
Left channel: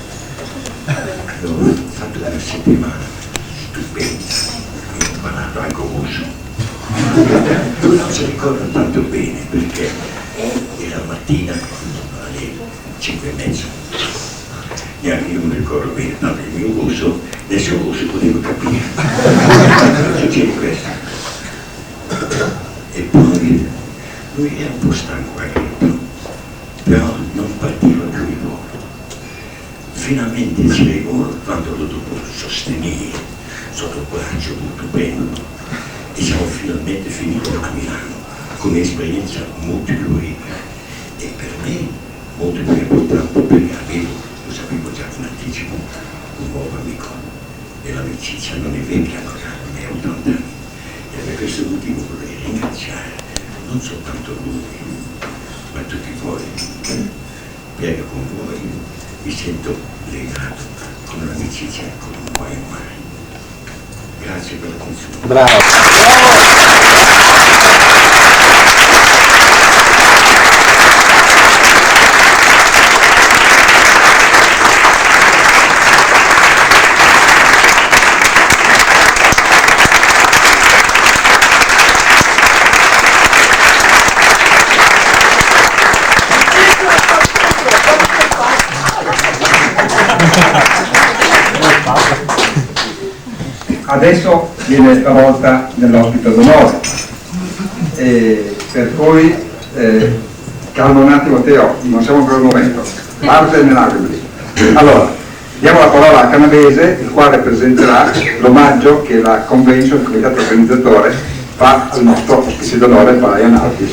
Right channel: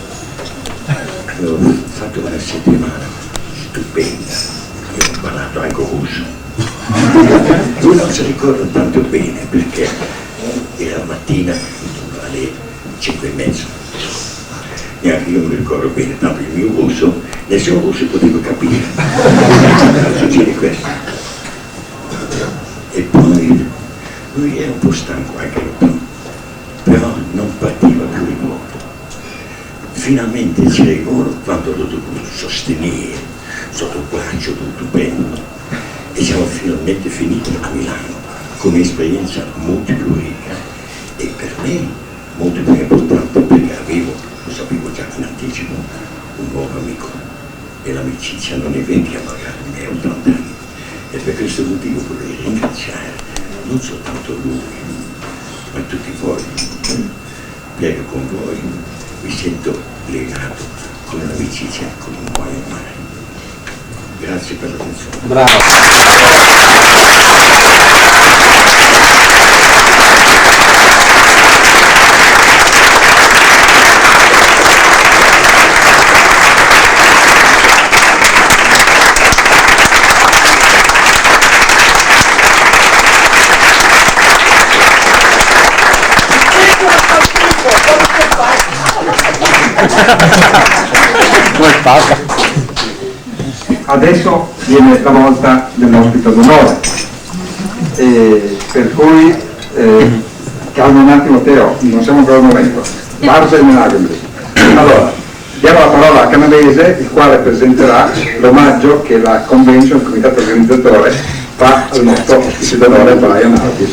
avevo fatto una settimana stupenda, io ho parlato anche russo, lui non si ricorda tanto bene perché era la mattina intorno alle 5:30, neanche io mi ricordo bene, tanto il mio russo, nessuno russo poteva capire, succede questo. E poi lui era un po' stanco anche lui, però non partiva più il volo. Finalmente c'era il volo quando l'ho dovuto sostenere sotto il braccio, tutto bene. E siamo finalmente finiti a Milano con un'esperienza molto più ricca e per me molto più importante perché avevo, lo sapevo già in anticipo, un nuovo amico. E l'amicizia non è vecchia magari, ne ha 80 anni. E per questo motivo vorrei ringraziare non soltanto lui, ma tutti voi. Perché con voi mi sento legato con un'amicizia come non muoio mai. Grazie per l'attenzione. Bravo. Adesso viene la volta dell'ospite d'onore, per cui calma un attimo Teo, non siamo ancora al momento, parte nell'Agemli. Allora, diamo la parola a Canavese, il quale presenterà l'omaggio che la convention, il comitato organizzatore, fa al nostro ospite d'onore Brian Aldis.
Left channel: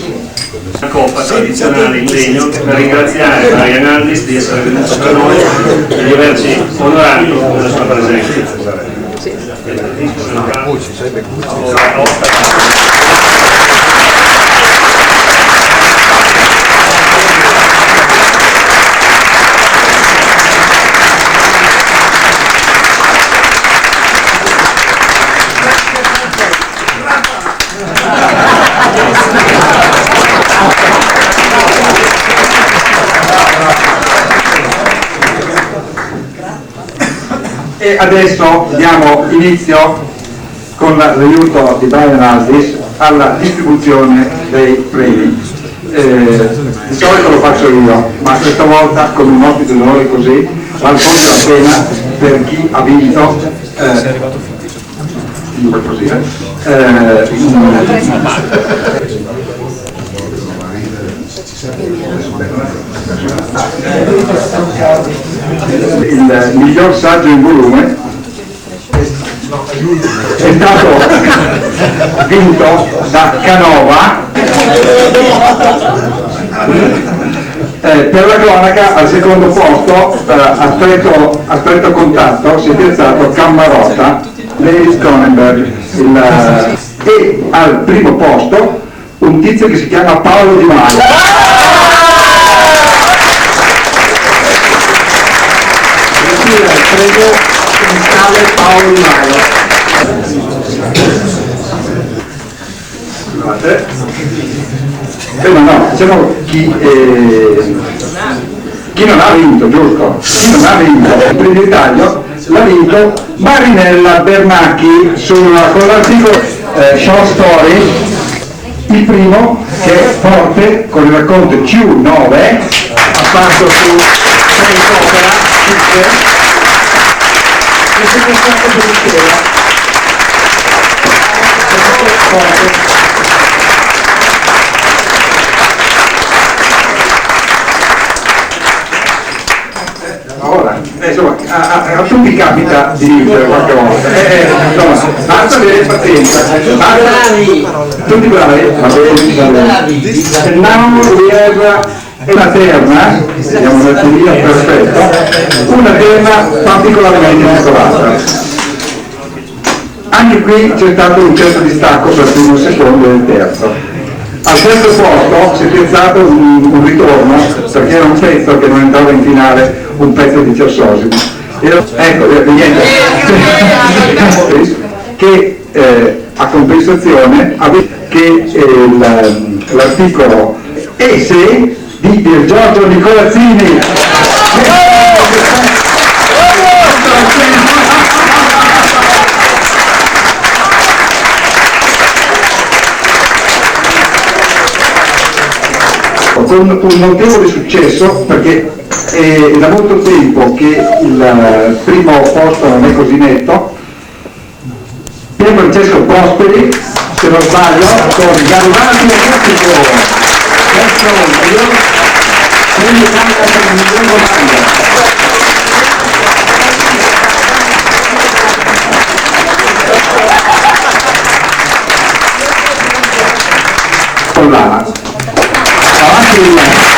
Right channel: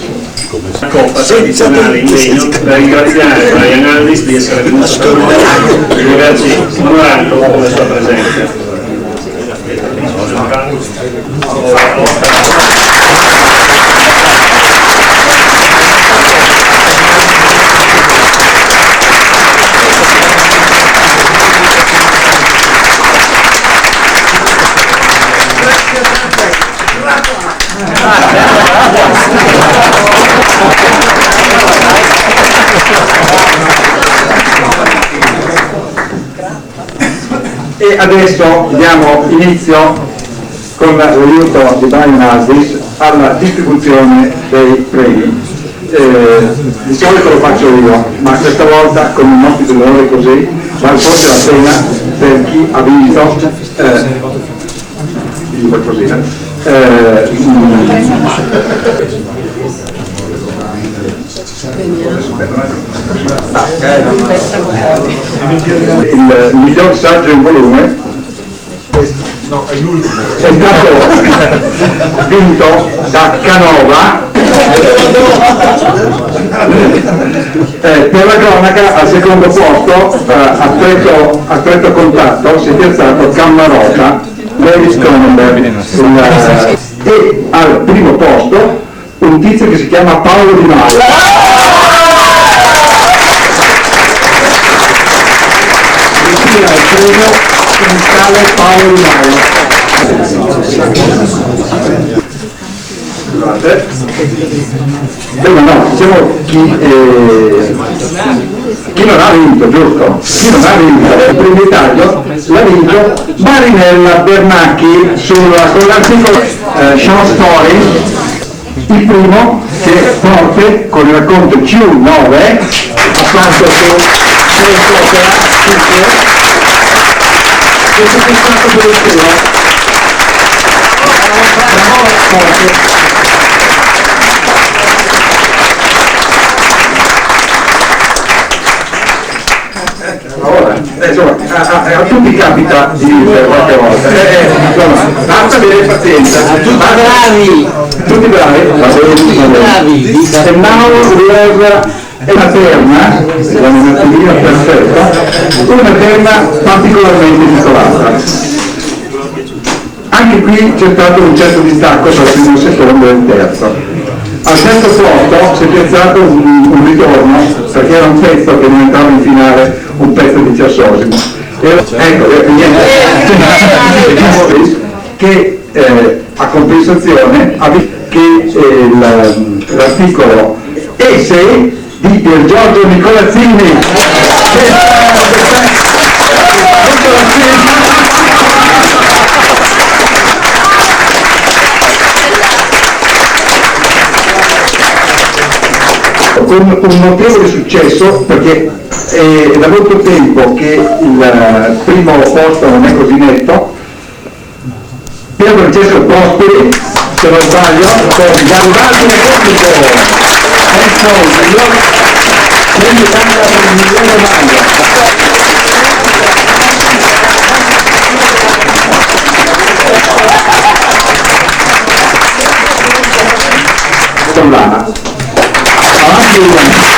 Coppa tradizionale in legno per ringraziare Brian Aldis di essere venuto con noi e di averci onorato con la sua presenza. E adesso diamo inizio, con l'aiuto di Brian Aldis, alla distribuzione dei premi. Di solito lo faccio io, ma questa volta con un ospite d'onore così vale forse la pena per chi ha vinto il miglior saggio in volume è stato vinto da Canova. Per la cronaca al secondo posto a stretto contatto si è piazzato Cammarota, David Cronenberg, e al primo posto un tizio che si chiama Paolo Di Maio. Ritira il premio un tale Paolo Di Maio. Scusate. Beh, no, diciamo chi non ha vinto, giusto? Chi non ha vinto il premio Italia l'ha vinto Marinella Bernacchi con l'articolo Short Story, il primo che è forte con il racconto Q9 apparso su Face Opera 5 e si è stato per intero. Ora, insomma, a tutti capita di vincere qualche volta, basta avere pazienza, tutti bravi, va bene. And now we have una terna, vediamo un attimino, perfetto, una terna particolarmente titolata. Anche qui c'è stato un certo distacco tra il primo, il secondo e il terzo. Al terzo posto si è piazzato un ritorno, perché era un pezzo che non entrava in finale, un pezzo di Cersosimo. Ecco, niente, che a compensazione ha detto che l'articolo Esse di Pier Giorgio Nicolazzini, con un notevole successo, perché è da molto tempo che il primo posto non è così netto. Pier Francesco Prosperi, se non sbaglio, con Garibaldi e Costico. Quindi cambia per il miglior maglia. Con l'ana. Avanti Lana.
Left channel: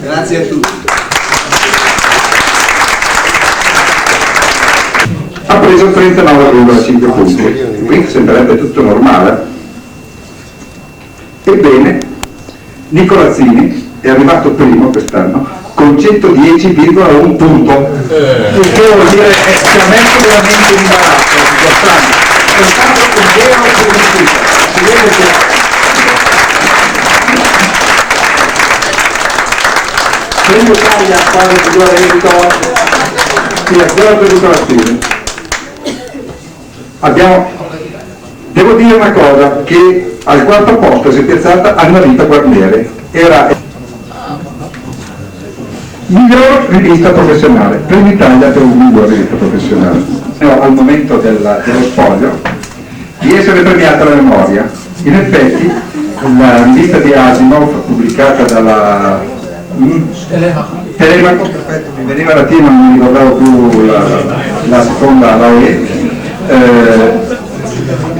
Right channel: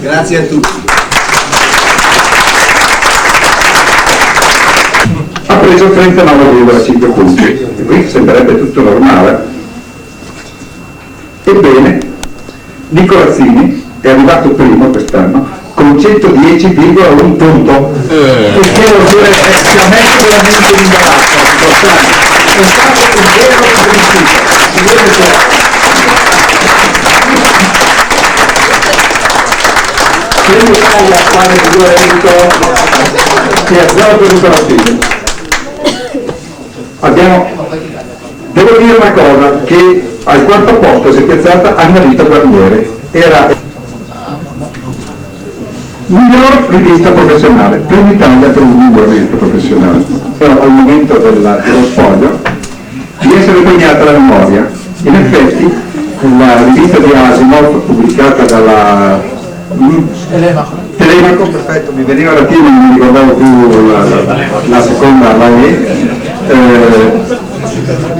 Grazie a tutti. Ha preso 39,5 punti, qui sembrerebbe tutto normale. Ebbene, Nicolazzini è arrivato primo quest'anno con 110,1 punto, il che vuol dire che ci ha messo veramente in imbarazzo, importante. È stato un vero principio. Si vede che Premio Italia quale figuramento e a Giorgio Nicolazzini. Devo dire una cosa, che al quarto posto si è piazzata Annalita Guarnieri, era miglior rivista professionale, Premio Italia per un miglior rivista professionale. Al momento dello spoglio di essere premiata la memoria. In effetti la rivista di Asimov pubblicata dalla Telemaco, perfetto, mi veniva la T ma non mi ricordavo più la seconda, la E,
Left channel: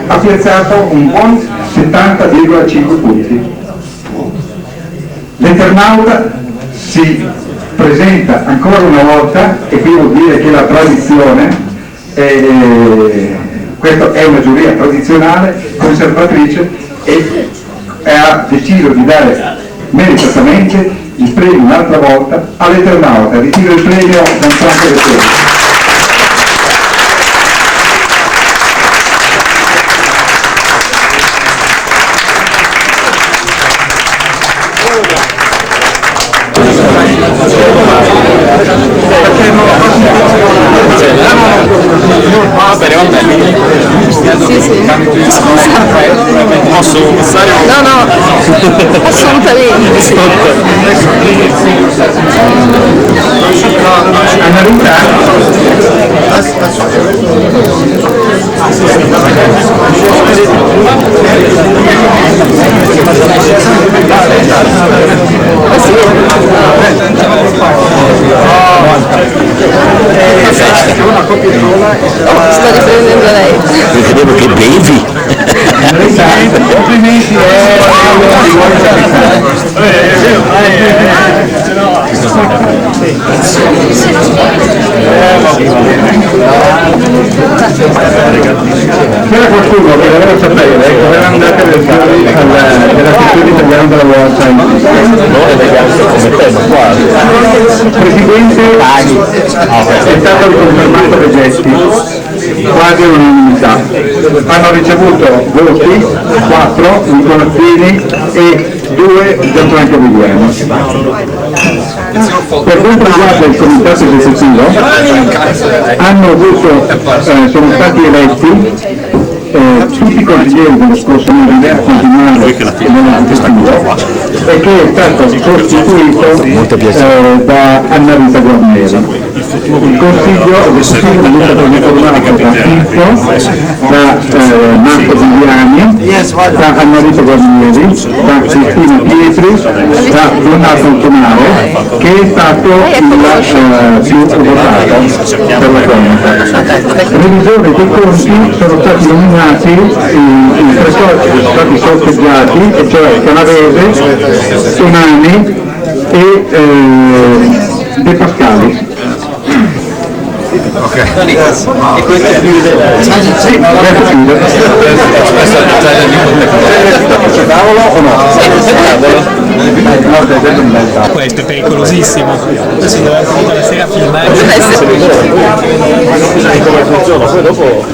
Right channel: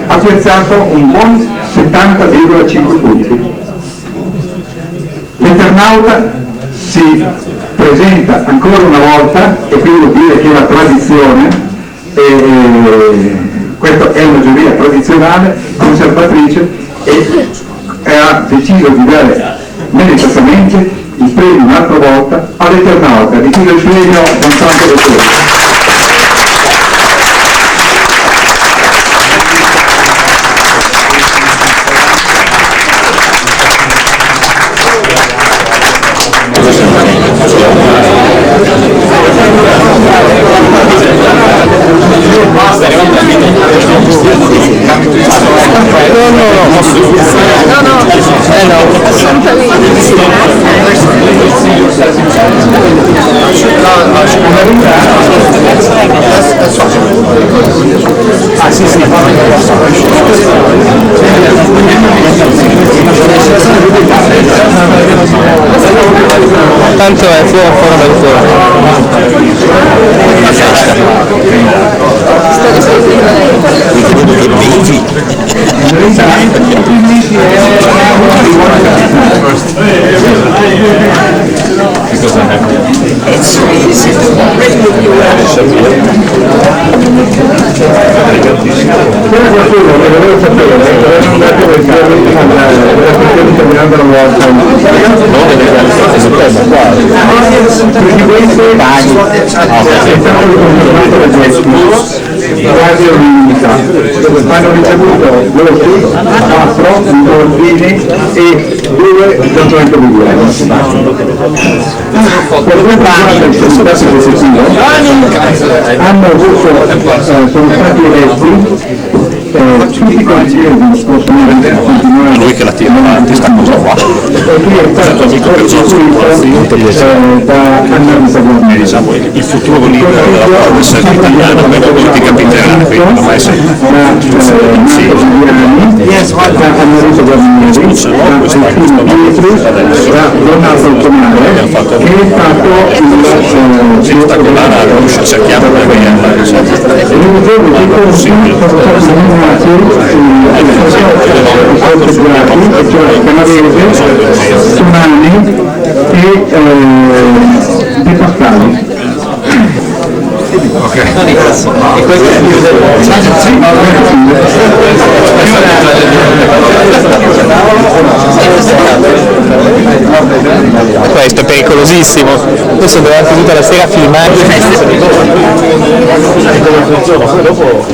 ha piazzato un buon 70,5 punti. L'Eternauta si presenta ancora una volta, e qui vuol dire che la tradizione, questa è una giuria tradizionale, conservatrice, e ha deciso di dare meritatamente il premio un'altra volta all'Eternauta. Ritiro il premio da un tanto del premio. Vedevo che bevi. Complimenti. C'era qualcuno che voleva sapere come era andata del caso della sezione italiana della volta, non è legale come te, ma quasi. Presidente è stato riconfermato da Getti, quasi un'unità. Hanno ricevuto voti 4 Nicola Fini e 2 Gianfranco Viviani. Per quanto riguarda il comitato esecutivo, hanno avuto, sono stati eletti tutti i consiglieri dello scorso anno Lui che la tira avanti sta cosa qua. e che è stato costituito da Anna Rita Guarneri. Il futuro leader della serva italiana per molti capiterà, quindi non essere Marco Viviani, da Anna Rita Guarneri, da Cristina Pietri, da Donato Altomare, che è stato il votato cerchiamo di i revisori dei conti sono stati nominati i tre soci sono stati sorteggiati, e cioè Canavese, Tonani e De Pascali. Ok. E questo è Questo è pericolosissimo, questo deve essere tutta la sera filmato. Come funziona? Poi dopo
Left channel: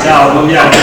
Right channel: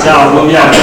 Ciao, buon viaggio.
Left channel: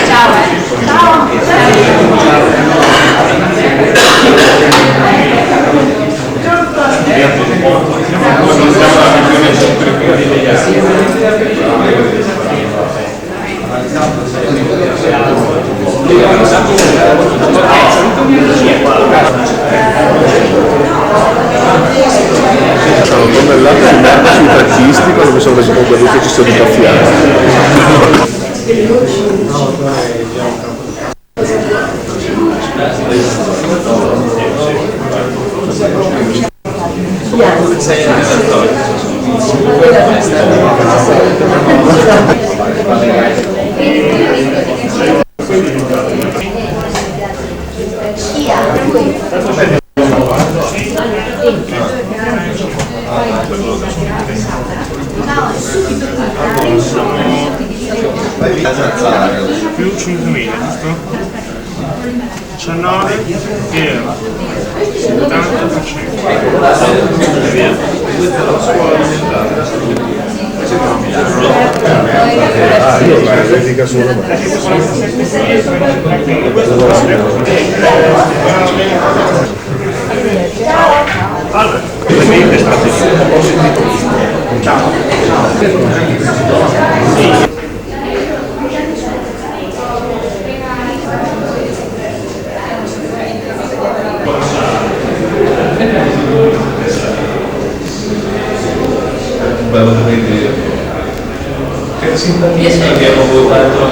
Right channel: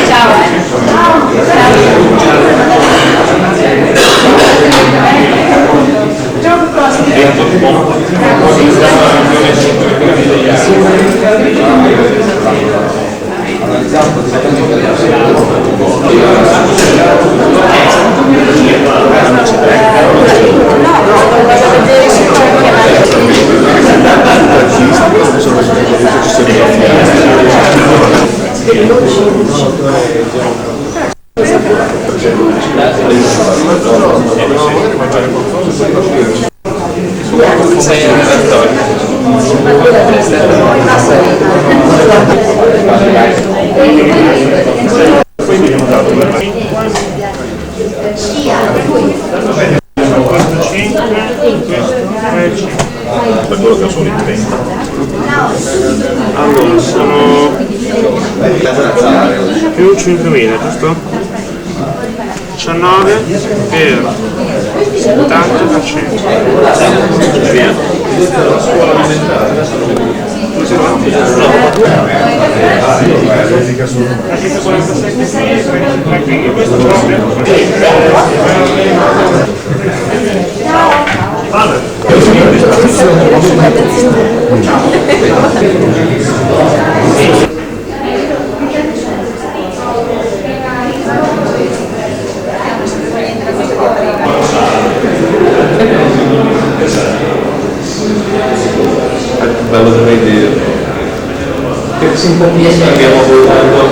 Allora, sono più 5.000, giusto? 19 per 70%. Via. Bello da vedere. Che simpatia abbiamo votato